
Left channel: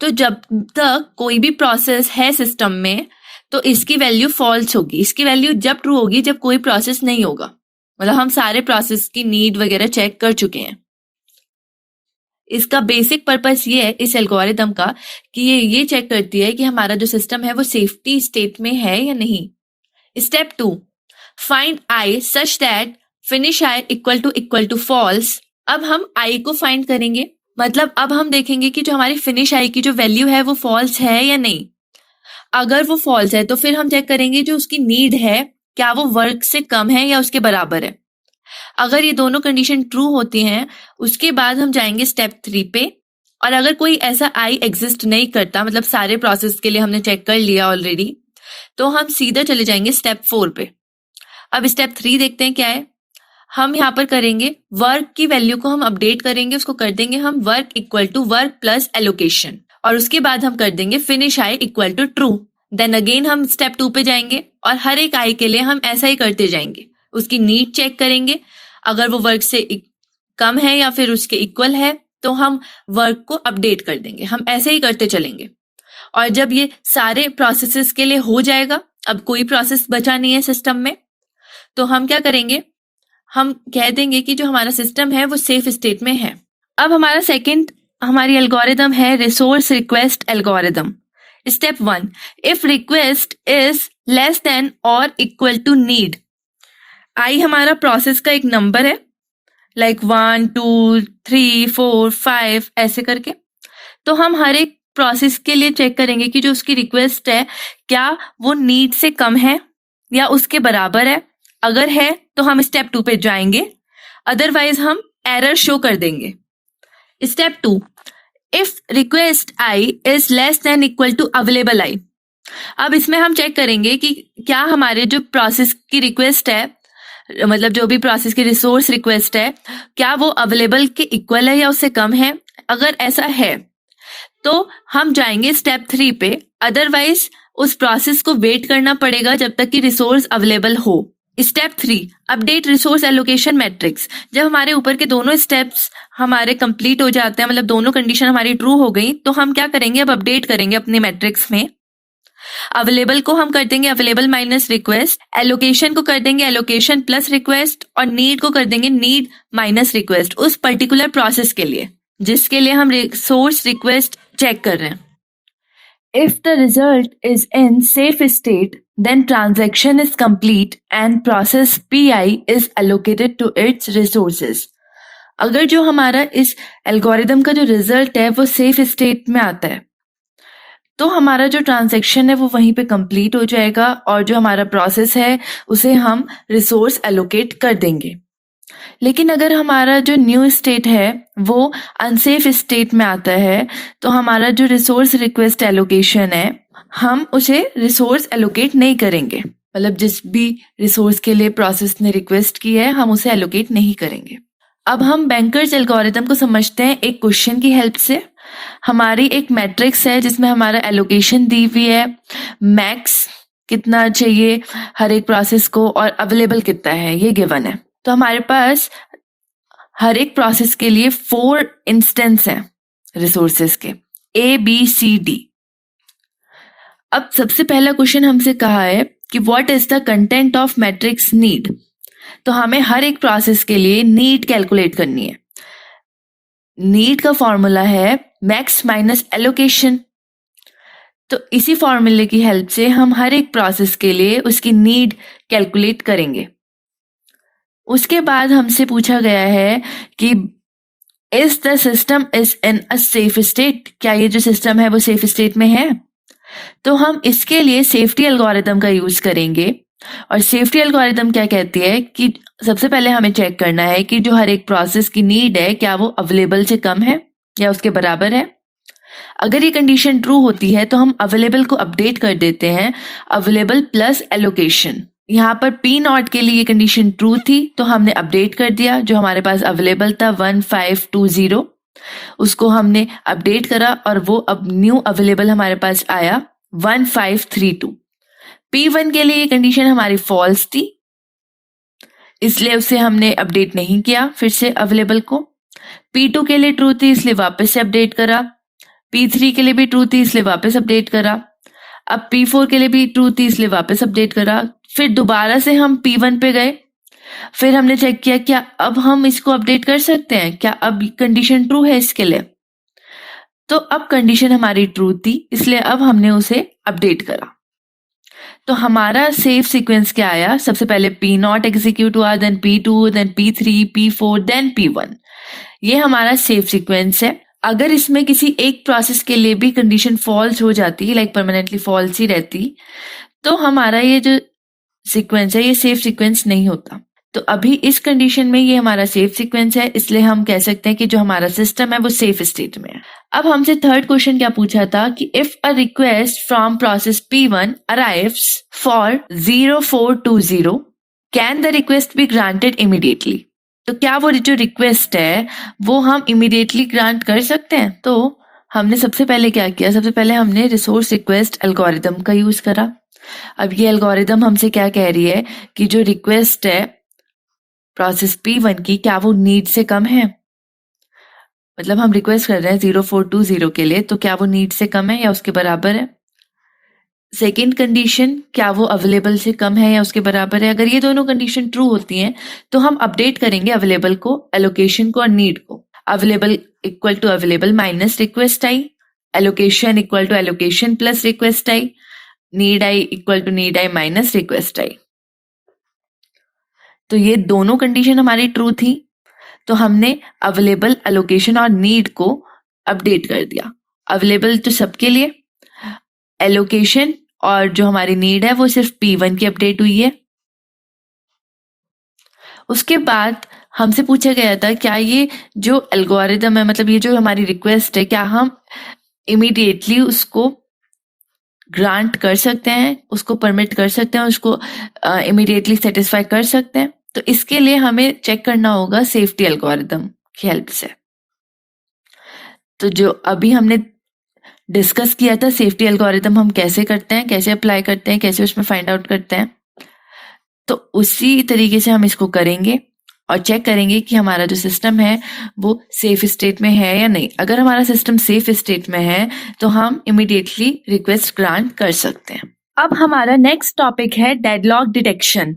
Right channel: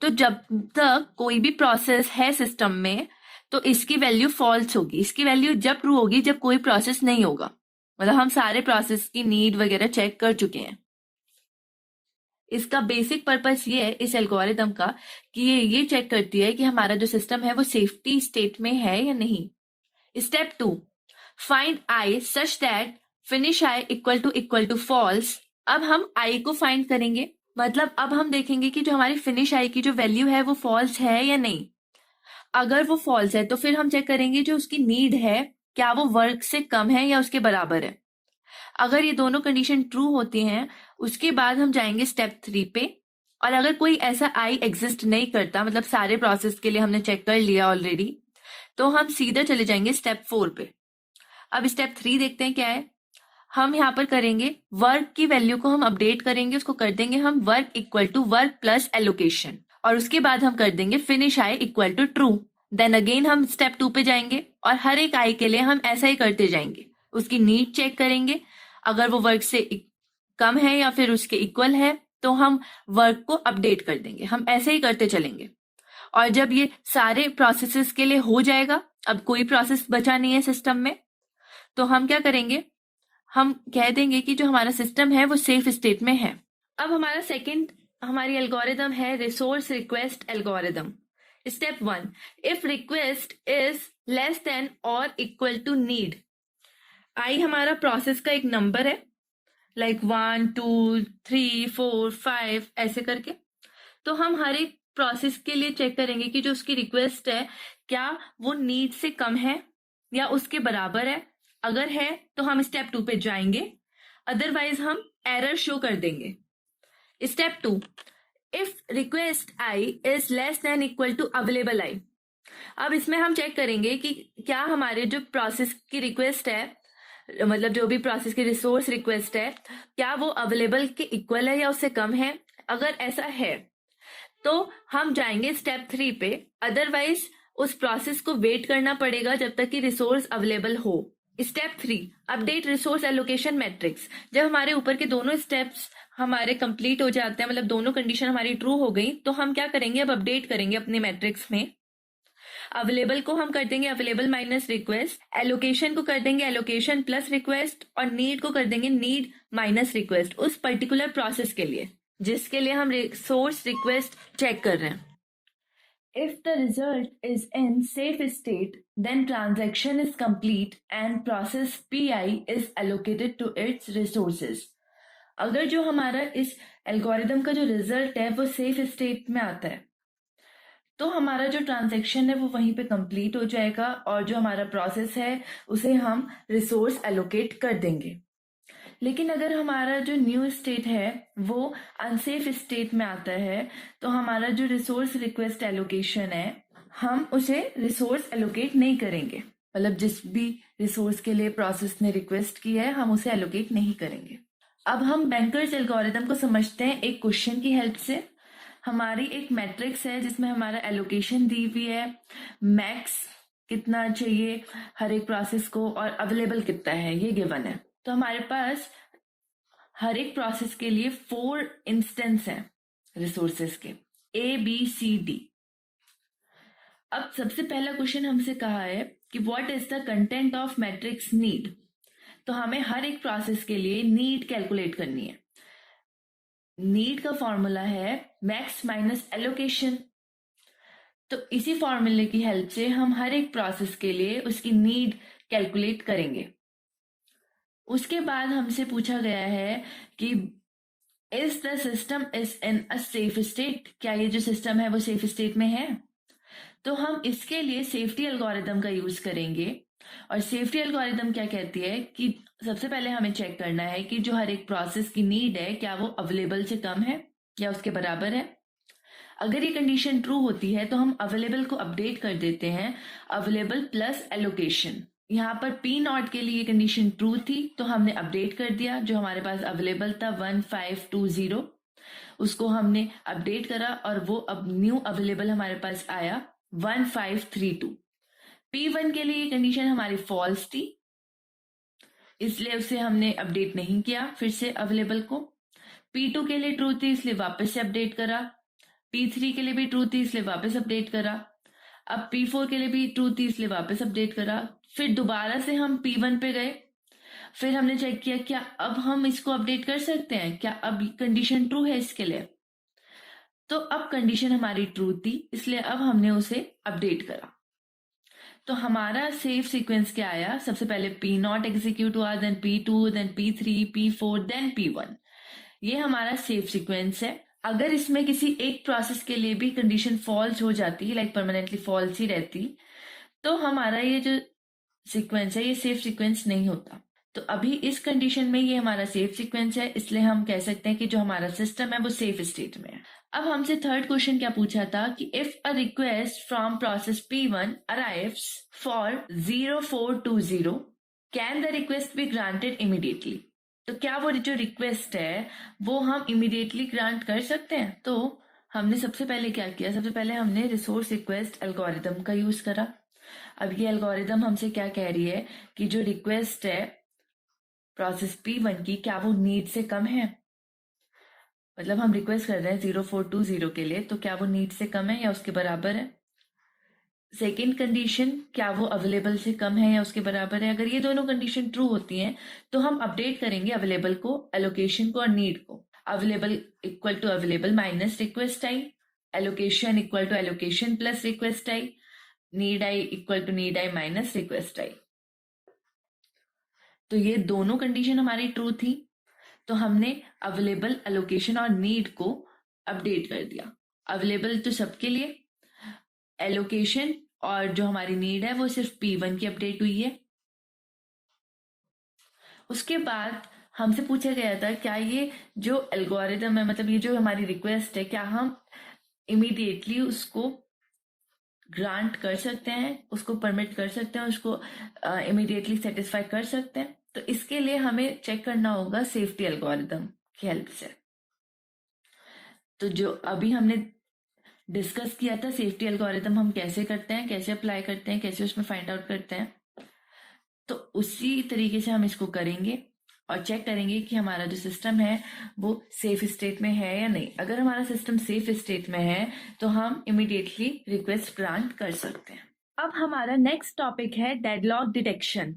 तो जब तक कोई भी प्रोसेस है सिस्टम में तो इसकी वैल्यू फॉल्स होगी। इसकी वैल्यू जब ट्रू होगी जब कोई प्रोसेस नहीं होगा, मतलब हम सारे प्रोसेस की नीड वगैरह चेक कर चुके हैं। इसका बेसिक पर्पस ये है इस एल्गोरिदम का कि ये चेक करती है कि हमारा जो सिस्टम है वो सेफ्टी स्टेट में है या नहीं। Step 2, find i such that finish i equal to false. अब हम i को फाइंड करेंगे, मतलब अब हम देखेंगे कि जो हमारी फिनिश i की जो वैल्यू है वो फॉल्स है या नहीं। अगर वो फॉल्स है तो फिर हम चेक करेंगे जो उसकी नीड है क्या वो वर्क से कम है या उसके बराबर है। अगर ये दोनों कंडीशन ट्रू होती हैं उसके बाद हम जाएंगे स्टेप 3 पे। और अगर कोई ऐसा आई एग्जिस्ट नहीं करता, मतलब सारे प्रोसेस के लिए हमने चेक कर लिया ऑलरेडी, तो हम सीधा चले जाएंगे स्टेप 4 पे। अब स्टेप 3 देखते हैं क्या है। हम यहाँ पर करेंगे वर्क की वैल्यू को हम अपडेट करेंगे, उसको कर देंगे हम work equal to work plus allocation, और उसके बाद हम कर देंगे finish I equal to true. Then again हम स्टेप 2 पे जाएंगे और हर एक आई के लिए हम ऐसा ही करते जाएंगे। उसकी नीड चेक करेंगे, अगर वो वर्क से कम है या फिर उसके इक्वल है तो हम वर्क को अपडेट कर देंगे। हम ऐसे ही करते चलेंगे और जब ये सारे प्रोसेसेस के लिए हो जाएगा, अब कोई प्रोसेस बचा नहीं है सिस्टम में, तो हम क्या करेंगे, हम कह देंगे कि जो हमारा सिस्टम है वो सेफ स्टेट में है। अब हमारा सेकंड हमारी एल्गोरिदम है resource request algorithm. Step 1, if request is less then और इक्वल टू नीड। आई हमारा प्रोसेस का एक नंबर है, लाइक 1 2 3 4 5 ऐसे करके। तो हम हर एक प्रोसेस के लिए चेक करेंगे कि जो उसकी रिक्वेस्ट है क्या वो नीड से कम है या उसके बराबर है। अगर है तो हम स्टेप 2 पे जाएंगे, अदरवाइज हम एरर शो कर देंगे। Step 2, if request I is less than equal to available I. अब इसमें हम चेक करेंगे कि क्या हमारे जो प्रोसेस की रिक्वेस्ट है, मतलब जो भी प्रोसेस की रिसोर्स रिक्वेस्ट है, क्या वो अवेलेबल के इक्वल है या उससे कम है। अगर ऐसा है तो हम जाएंगे स्टेप 3 पे, अदरवाइज उस प्रोसेस को वेट करना पड़ेगा जब तक कि रिसोर्स अवेलेबल हो। Step 3, update resource allocation matrix. जब हमारे ऊपर के दोनों स्टेप्स हमारे कंप्लीट हो जाते हैं, मतलब दोनों कंडीशन हमारी ट्रू हो गई, तो हम क्या करेंगे, अब अपडेट करेंगे अपने मैट्रिक्स में। अवेलेबल को हम कर देंगे अवेलेबल माइनस रिक्वेस्ट, एलोकेशन को कर देंगे एलोकेशन प्लस रिक्वेस्ट, और नीड को कर देंगे नीड माइनस रिक्वेस्ट उस पर्टिकुलर प्रोसेस के लिए जिसके लिए हम रिसोर्स रिक्वेस्ट चेक कर रहे हैं। If the result is in safe state, then transaction is complete and process PI is allocated to its resources. अगर जो हमारा इस एल्गोरिदम का जो रिजल्ट है वो सेफ स्टेट में आता है तो हमारा जो ट्रांजैक्शन है वो वहीं पे कंप्लीट हो जाएगा और जो हमारा प्रोसेस है उसे हम रिसोर्स एलोकेट कर देंगे। लेकिन अगर हमारा जो न्यू स्टेट है वो अनसेफ स्टेट में आता है तो हमारा जो रिसोर्स रिक्वेस्ट एलोकेशन है हम उसे रिसोर्स एलोकेट नहीं करेंगे, मतलब जिस भी रिसोर्स के लिए प्रोसेस ने रिक्वेस्ट की है हम उसे एलोकेट नहीं करेंगे। अब हम बैंकर्स एल्गोरिदम को समझते हैं एक क्वेश्चन की हेल्प से। हमारी एक मैट्रिक्स है जिसमें हमारा एलोकेशन दी हुई है, मैक्स कितना चाहिए हर एक प्रोसेस को और अवेलेबल कितना है ये गिवन है। तो हमारे पास हर एक प्रोसेस के लिए 4 इंस्टेंस हैं रिसोर्सेज के, A B C D। अब सबसे पहला क्वेश्चन हमसे कहा है कि what is the content of matrix need. तो हमें हर एक प्रोसेस के लिए नीड कैलकुलेट करनी है। नीड का फॉर्मूला है मैक्स माइनस एलोकेशन। तो इसी फॉर्मूले की हेल्प से हम हर एक प्रोसेस के लिए उसकी नीड कैलकुलेट करेंगे। उसके बाद हमसे पूछा गया है कि is the system is in a safe state, क्या ये जो सिस्टम है वो सेफ स्टेट में है। तो हम इसके लिए सेफ्टी एल्गोरिदम का यूज करेंगे। और सेफ्टी एल्गोरिदम क्या कहती है कि सबसे पहले हमें चेक करना है कि जो हर एक प्रोसेस की नीड है क्या वो अवेलेबल से कम है या उसके बराबर है। अगर ये कंडीशन ट्रू होती है तो हम अवेलेबल को अपडेट कर देते हैं अवेलेबल प्लस एलोकेशन। यहाँ पर P0 के लिए ये कंडीशन ट्रू थी तो हमने अपडेट कर दिया, जो हमारे पास अवेलेबल था 1520 उसको हमने अपडेट करा और वो अब न्यू अवेलेबल हमारे पास आया 1532। P1 के लिए ये कंडीशन हमारी फॉल्स थी इसलिए उसे हमने अपडेट नहीं किया फिर से अवेलेबल को। P2 के लिए ट्रू थी इसलिए वापस से अपडेट करा, P3 के लिए भी ट्रू थी इसलिए वापस अपडेट करा, अब P4 के लिए भी ट्रू थी इसलिए वापस अपडेट करा। फिर दोबारा से हम P1 पे गए, फिर हमने चेक किया क्या अब हम इसको अपडेट कर सकते हैं, क्या अब कंडीशन ट्रू है इसके लिए। तो अब कंडीशन हमारी ट्रू थी इसलिए अब हमने उसे अपडेट करा। तो हमारा सेफ सीक्वेंस क्या आया, सबसे पहले P0 एग्जीक्यूट हुआ, then P2, then P3, P4, then P1। ये हमारा सेफ सीक्वेंस है। अगर इसमें किसी एक प्रोसेस के लिए भी कंडीशन फॉल्स हो जाती, लाइक परमानेंटली फॉल्स ही रहती, तो हमारा ये जो सीक्वेंस है ये सेफ सीक्वेंस नहीं होता। तो अभी इस कंडीशन में ये हमारा सेफ सीक्वेंस है, इसलिए हम कह सकते हैं कि जो हमारा सिस्टम है वो सेफ स्टेट में है। अब हमसे थर्ड क्वेश्चन क्या पूछा था कि if a request from process P1 arrives for 0420 can the request be granted immediately. तो क्या वो जो रिक्वेस्ट है वो हम इमीडिएटली ग्रांट कर सकते हैं। तो हमने सबसे पहले क्या किया, सबसे पहले हमने रिसोर्स रिक्वेस्ट एल्गोरिदम का यूज करा। अब ये एल्गोरिदम हमसे क्या कह रही है कि जो रिक्वेस्ट है प्रोसेस P1 की क्या वो नीड से कम है, मतलब हम रिक्वेस्ट कर रहे हैं 0420 के लिए, तो क्या वो नीड से कम है या उसके बराबर है। सेकेंड कंडीशन, क्या वो अवेलेबल से कम है या उसके बराबर है। अगर ये दोनों कंडीशन ट्रू होती हैं तो हम अपडेट करेंगे अवेलेबल को, एलोकेशन को और नीड को। Available equal to available minus request I, allocation equal to allocation plus request I, need I equal to need I minus request I. तो ये दोनों कंडीशन हमारी ट्रू थी, तो हमने अवेलेबल, एलोकेशन और नीड को अपडेट कर दिया। अवेलेबल तो सबके लिए, एलोकेशन और जो हमारी नीड है वो सिर्फ P1 की अपडेट हुई है। उसके बाद हमसे पूछा गया था क्या ये जो एल्गोरिदम है, मतलब ये जो हमारी रिक्वेस्ट है, क्या हम इमीडिएटली उसको ग्रांट कर सकते हैं, उसको परमिट कर सकते हैं, उसको इमीडिएटली सेटिस्फाई कर सकते हैं। तो इसके लिए हमें चेक करना होगा सेफ्टी एल्गोरिदम की हेल्प से। तो जो अभी हमने डिस्कस किया था सेफ्टी एल्गोरिदम हम कैसे करते हैं, कैसे अप्लाई करते हैं, कैसे उसमें फाइंड आउट करते हैं, तो उसी तरीके से हम इसको करेंगे और चेक करेंगे कि हमारा जो सिस्टम है वो सेफ स्टेट में है या नहीं। अगर हमारा सिस्टम सेफ स्टेट में है तो हम इमीडिएटली रिक्वेस्ट ग्रांट कर सकते हैं। अब हमारा नेक्स्ट टॉपिक है डेडलॉक डिटेक्शन।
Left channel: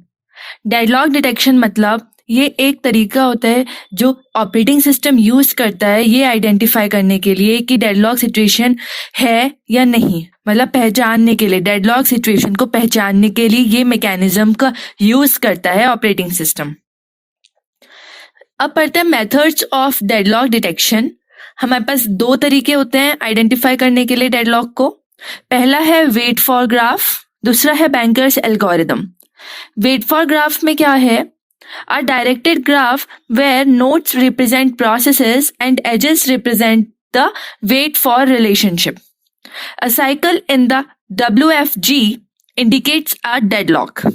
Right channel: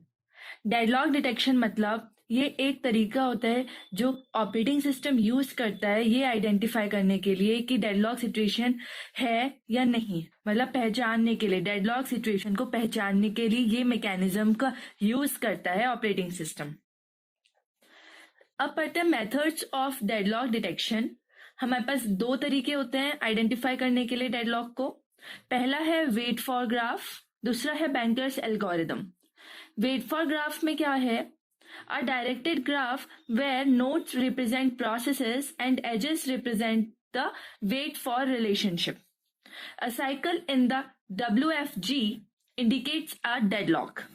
डेडलॉक डिटेक्शन मतलब ये एक तरीका होता है जो ऑपरेटिंग सिस्टम यूज करता है ये आइडेंटिफाई करने के लिए कि डेडलॉक सिचुएशन है या नहीं, मतलब पहचानने के लिए, डेडलॉक सिचुएशन को पहचानने के लिए ये मैकेनिज्म का यूज करता है ऑपरेटिंग सिस्टम। अब पढ़ते हैं मेथड्स ऑफ डेडलॉक डिटेक्शन। हमारे पास दो तरीके होते हैं आइडेंटिफाई करने के लिए डेडलॉक को। पहला है वेट फॉर ग्राफ, दूसरा है banker's algorithm. Wait for graph में क्या है, a directed graph where nodes represent processes and edges represent the wait for relationship. A cycle in the WFG indicates a deadlock.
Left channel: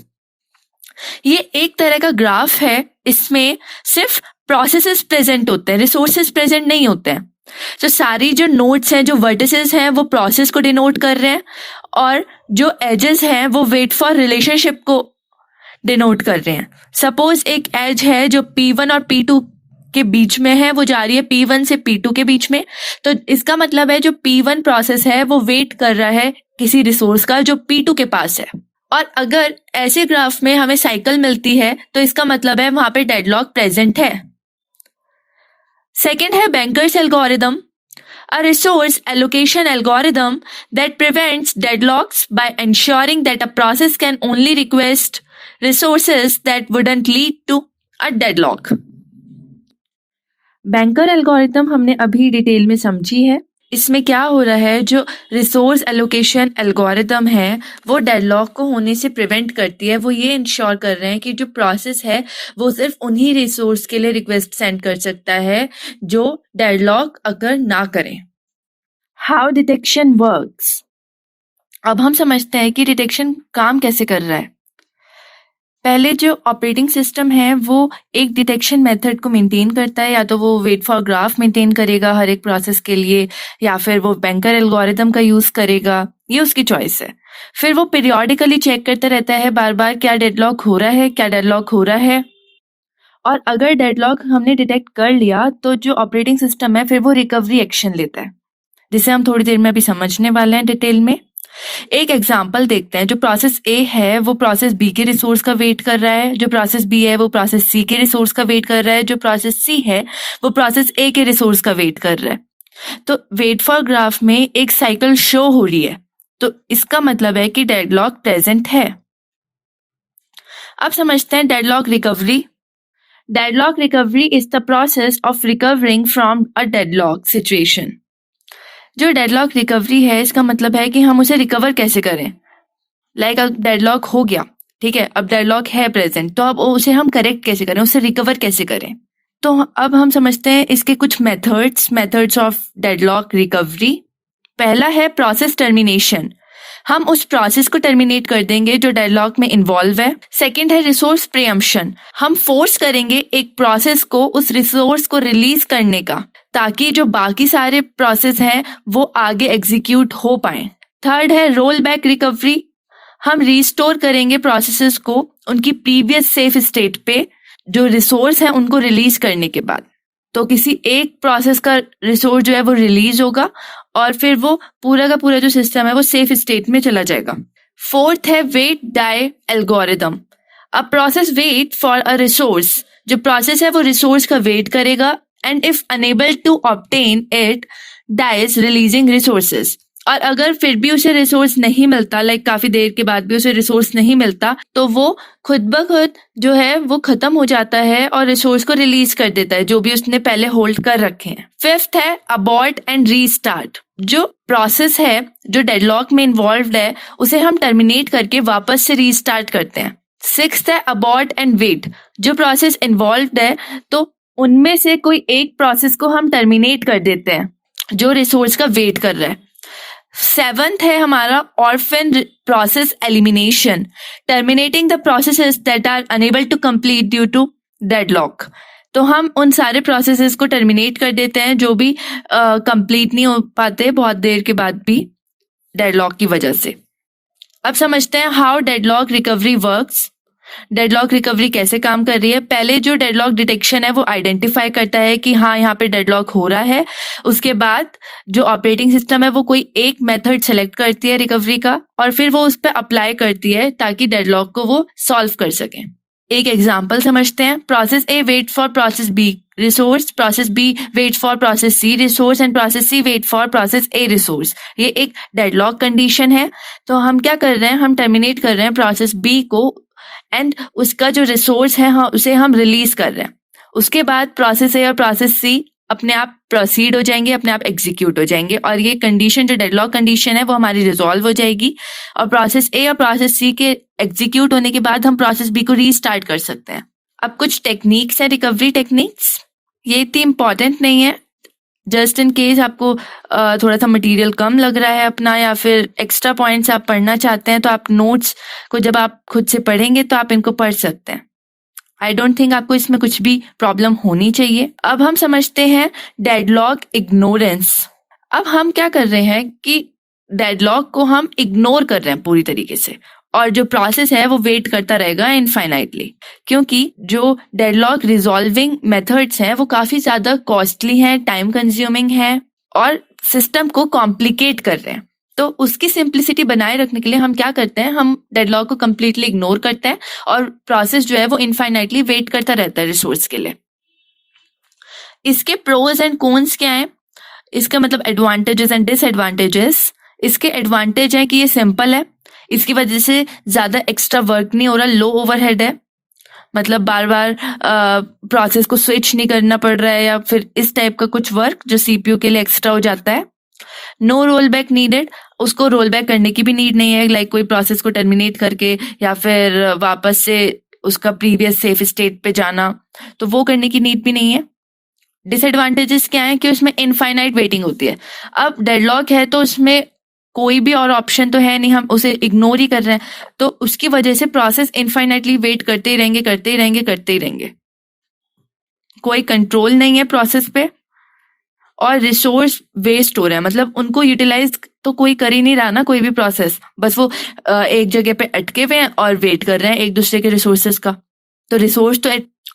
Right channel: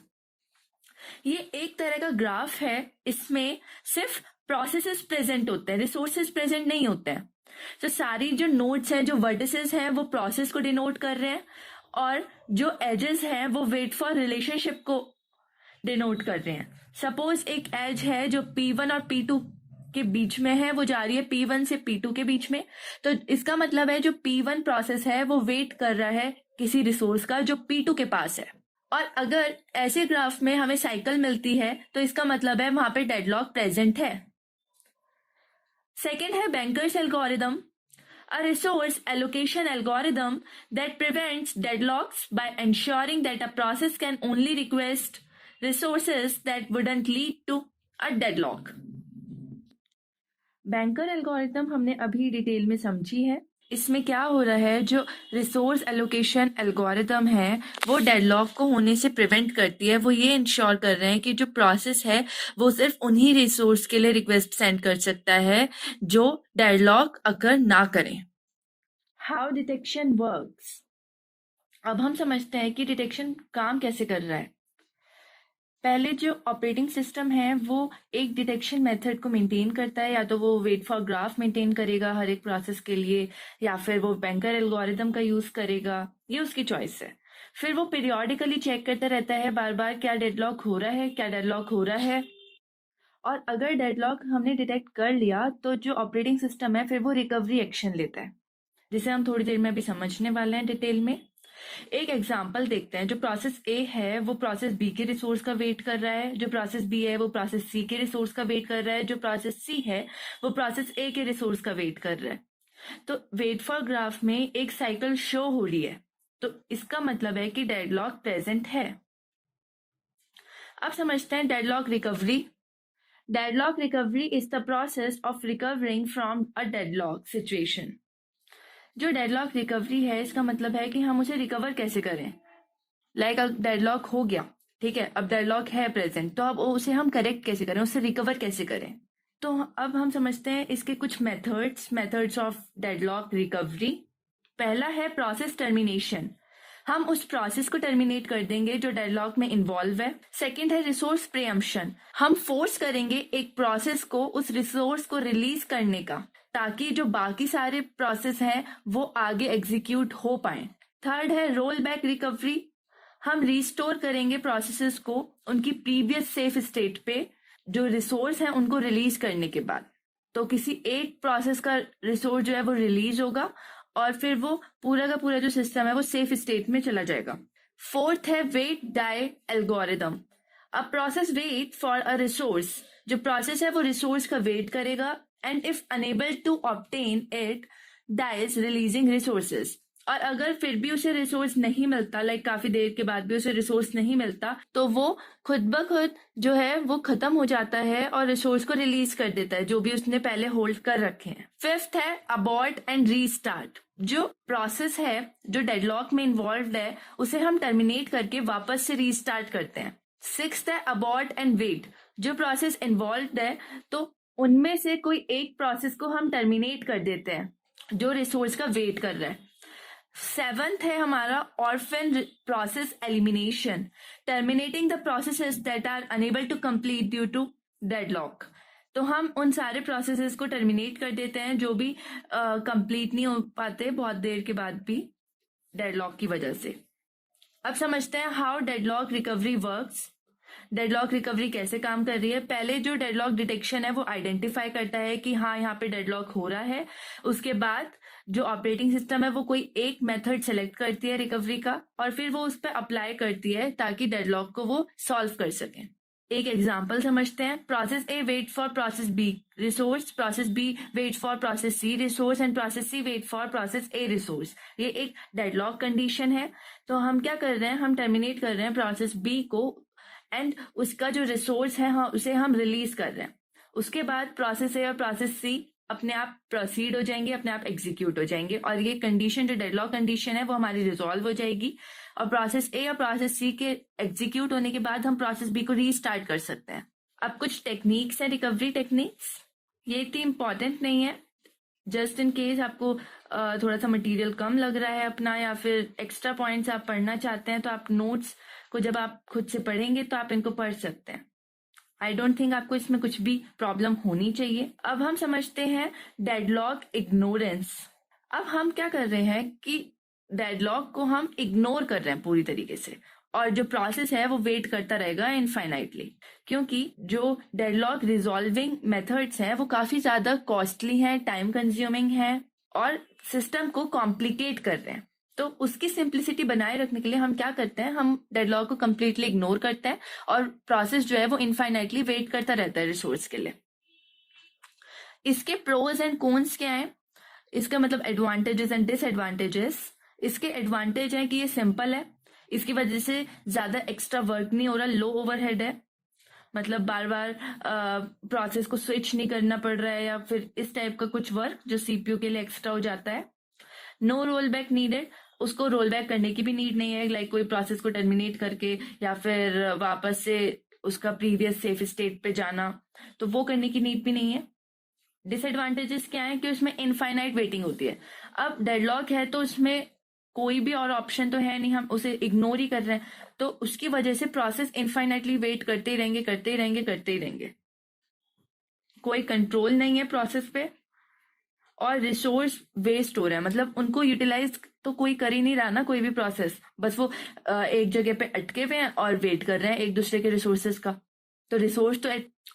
ये एक तरह का ग्राफ है, इसमें सिर्फ प्रोसेसेस प्रेजेंट होते हैं, रिसोर्सेज प्रेजेंट नहीं होते हैं। तो सारी जो नोड्स हैं, जो वर्टिसेस हैं, वो प्रोसेस को डिनोट कर रहे हैं और जो एजेस हैं वो वेट फॉर रिलेशनशिप को डिनोट कर रहे हैं। सपोज एक एज है जो P1 और P2 के बीच में है, वो जा रही है P1 से P2 के बीच में, तो इसका मतलब है जो P1 प्रोसेस है वो वेट कर रहा है किसी रिसोर्स का जो P2 के पास है। और अगर ऐसे ग्राफ में हमें साइकिल मिलती है तो इसका मतलब है वहां पे डेडलॉक प्रेजेंट है। सेकेंड है banker's algorithm, a resource allocation algorithm that prevents deadlocks by ensuring that a process can only request resources that wouldn't lead to a deadlock. Banker algorithm हमने अभी डिटेल में समझी है। इसमें क्या हो रहा है, जो रिसोर्स एलोकेशन एल्गोरिथम है वो डेडलॉक को होने से प्रिवेंट करती है। वो ये इंश्योर कर रहे हैं कि जो प्रोसेस है वो सिर्फ उन्हीं रिसोर्स के लिए रिक्वेस्ट सेंड कर सकता है जो डेडलॉक अगर ना करें। हाउ डिटेक्शन वर्क्स, अब हम समझते हैं कि डिटेक्शन काम कैसे कर रहा है। पहले जो ऑपरेटिंग सिस्टम है वो एक डिटेक्शन मेथड को मेंटेन करता है, या तो वो वेट फॉर ग्राफ मेंटेन करेगा हर एक प्रोसेस के लिए, या फिर वो बैंकर एल्गोरिथम का यूज करेगा, ये उसकी चॉइस है। फिर वो पीरियोडिकली चेक करता रहता है बार बार क्या डेडलॉक हो रहा है, क्या डेडलॉक हो रहा है, और अगर डेडलॉक हमने डिटेक्ट कर लिया तो जो ऑपरेटिंग सिस्टम है फिर वो रिकवरी एक्शन लेता है, जिसे हम थोड़ी देर में अभी समझने वाले हैं डिटेल में। एक एग्जांपल देखते हैं। जो प्रोसेस ए है वो प्रोसेस बी के रिसोर्स का वेट कर रहा है, जो प्रोसेस बी है वो प्रोसेस सी के रिसोर्स का वेट कर रहा है, जो प्रोसेस सी है वो प्रोसेस ए के रिसोर्स का वेट कर रहा है। तो वेट फॉर ग्राफ में एक साइकिल शो हो रही है, तो इसका मतलब है कि डेडलॉक प्रेजेंट है। अब समझते हैं deadlock recovery. Deadlock recovery is the process of recovering from a deadlock situation. जो डेडलॉक रिकवरी है इसका मतलब है कि हम उसे रिकवर कैसे करें। लाइक अब डेडलॉक हो गया, ठीक है, अब डेडलॉक है प्रेजेंट, तो अब उसे हम करेक्ट कैसे करें, उसे रिकवर कैसे करें। तो अब हम समझते हैं इसके कुछ मेथड्स ऑफ डेडलॉक रिकवरी। पहला है प्रोसेस टर्मिनेशन। हम उस प्रोसेस को टर्मिनेट कर देंगे जो डेडलॉक में इन्वॉल्व है। सेकंड है रिसोर्स प्रीएम्पशन। हम फोर्स करेंगे एक प्रोसेस को उस रिसोर्स को रिलीज करने का, ताकि जो बाकी सारे प्रोसेस हैं वो आगे एग्जीक्यूट हो पाए। थर्ड है रोल बैक रिकवरी। हम रिस्टोर करेंगे प्रोसेसेस को उनकी प्रीवियस सेफ स्टेट पे जो रिसोर्स है उनको रिलीज करने के बाद। तो किसी एक प्रोसेस का रिसोर्स जो है वो रिलीज होगा और फिर वो पूरा का पूरा जो सिस्टम है वो सेफ स्टेट में चला जाएगा। फोर्थ है wait die algorithm. A process wait for a resource. जो प्रोसेस है वो रिसोर्स का वेट करेगा and if unable to obtain it dies releasing resources. और अगर फिर भी उसे रिसोर्स नहीं मिलता, लाइक काफी देर के बाद भी उसे रिसोर्स नहीं मिलता, तो वो खुद ब खुद जो है वो खत्म हो जाता है और रिसोर्स को रिलीज कर देता है जो भी उसने पहले होल्ड कर रखे हैं। फिफ्थ है अबॉर्ट एंड रीस्टार्ट। जो प्रोसेस है जो डेडलॉक में इन्वॉल्व है उसे हम टर्मिनेट करके वापस से रीस्टार्ट करते हैं। सिक्स्थ है अबॉर्ट एंड वेट। जो प्रोसेस इन्वॉल्व है तो उनमें से कोई एक प्रोसेस को हम टर्मिनेट कर देते हैं जो रिसोर्स का वेट कर रहा है। सेवंथ है हमारा orphan process elimination. Terminating the processes that are unable to complete due to deadlock. तो हम उन सारे प्रोसेसेस को टर्मिनेट कर देते हैं जो भी कंप्लीट नहीं हो पाते बहुत देर के बाद भी डेडलॉक की वजह से। अब समझते हैं how deadlock recovery works. Deadlock recovery कैसे काम कर रही है। पहले जो डेडलॉक डिटेक्शन है वो आइडेंटिफाई करता है कि हाँ यहाँ पे डेडलॉक हो रहा है। उसके बाद जो ऑपरेटिंग सिस्टम है वो कोई एक मेथड सेलेक्ट करती है रिकवरी का और फिर वो उस पर अप्लाई करती है ताकि डेडलॉक को वो सॉल्व कर सके। एक एग्जांपल समझते हैं। Process A wait for process B resource, process B wait for process C resource and process C wait for process A resource. ये एक डेडलॉक कंडीशन है। तो हम क्या कर रहे हैं, हम टर्मिनेट कर रहे हैं प्रोसेस बी को एंड उसका जो रिसोर्स है उसे हम रिलीज कर रहे हैं। उसके बाद प्रोसेस ए और प्रोसेस सी अपने आप प्रोसीड हो जाएंगे, अपने आप एग्जीक्यूट हो जाएंगे और ये कंडीशन जो डेडलॉक कंडीशन है वो हमारी रिजॉल्व हो जाएगी और प्रोसेस ए और प्रोसेस सी के एग्जीक्यूट होने के बाद हम प्रोसेस बी को रीस्टार्ट कर सकते हैं। अब कुछ टेक्निक्स हैं, रिकवरी टेक्निक्स। ये इतनी इंपॉर्टेंट नहीं है, जस्ट इन केस आपको थोड़ा सा मटेरियल कम लग रहा है अपना या फिर एक्स्ट्रा पॉइंट्स आप पढ़ना चाहते हैं तो आप नोट्स को जब आप खुद से पढ़ेंगे तो आप इनको पढ़ सकते हैं। आई डोंट थिंक आपको इसमें कुछ भी प्रॉब्लम होनी चाहिए। अब हम समझते हैं डेडलॉक इग्नोरेंस। अब हम क्या कर रहे हैं कि डेडलॉक को हम इग्नोर कर रहे हैं पूरी तरीके से और जो प्रोसेस है वो वेट करता रहेगा इनफाइनाइटली, क्योंकि जो डेडलॉक रिजॉल्विंग मेथड्स हैं वो काफी ज्यादा कॉस्टली हैं, टाइम कंज्यूमिंग है और सिस्टम को कॉम्प्लिकेट कर रहे हैं। तो उसकी सिंप्लिसिटी बनाए रखने के लिए हम क्या करते हैं, हम डेडलॉक को कंप्लीटली इग्नोर करते हैं और प्रोसेस जो है वो इनफाइनाइटली वेट करता रहता है रिसोर्स के लिए। इसके प्रोज एंड कॉन्स क्या है, इसका मतलब एडवांटेजेस एंड डिसएडवांटेजेस। इसके एडवांटेज है कि ये सिंपल है, इसकी वजह से ज्यादा एक्स्ट्रा वर्क नहीं हो रहा, लो ओवरहेड है, मतलब बार बार प्रोसेस को स्विच नहीं करना पड़ रहा है या फिर इस टाइप का कुछ वर्क जो सीपीयू के लिए एक्स्ट्रा हो जाता है। नो रोल बैक नीडेड, उसको रोल बैक करने की भी नीड नहीं है, लाइक कोई प्रोसेस को टर्मिनेट करके या फिर वापस से उसका प्रीवियस सेफ स्टेट पे जाना, तो वो करने की नीड भी नहीं है। डिसएडवांटेजेस क्या है कि उसमें इनफाइनाइट वेटिंग होती है। अब डेडलॉक है तो उसमें कोई भी और ऑप्शन तो है नहीं, हम उसे इग्नोर ही कर रहे हैं, तो उसकी वजह से प्रोसेस इनफाइनाइटली वेट करते ही रहेंगे, कोई कंट्रोल नहीं है प्रोसेस पे और रिसोर्स वेस्ट हो रहा है, मतलब उनको यूटिलाइज तो कोई कर ही नहीं रहा ना कोई भी प्रोसेस, बस वो एक जगह पे अटके हुए हैं और वेट कर रहे हैं एक दूसरे के रिसोर्सेज का। तो रिसोर्स तो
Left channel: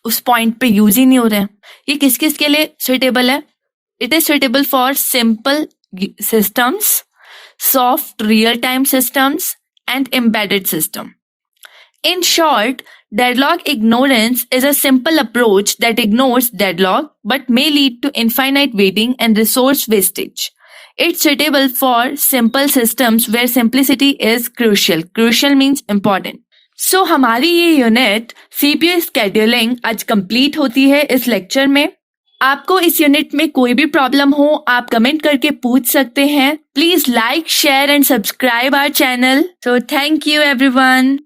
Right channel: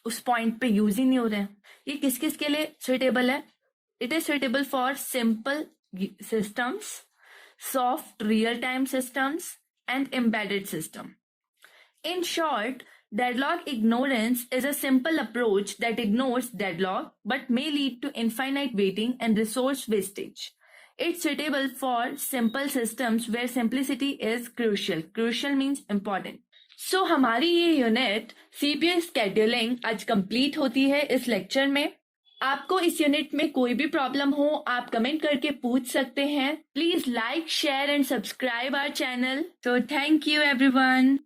उस पॉइंट पे यूज ही नहीं हो रहे हैं। ये किस किस के लिए सुइटेबल है? It is suitable for simple systems, soft real-time systems, and embedded system. In short, deadlock ignorance is a simple approach that ignores deadlock but may lead to infinite waiting and resource wastage. It's suitable for simple systems where simplicity is crucial. Crucial means important. So, हमारी ये unit CPU scheduling आज complete होती है इस lecture में। आपको इस unit में कोई भी प्रॉब्लम हो आप कमेंट करके पूछ सकते हैं। Please like share and subscribe our channel. So thank you everyone.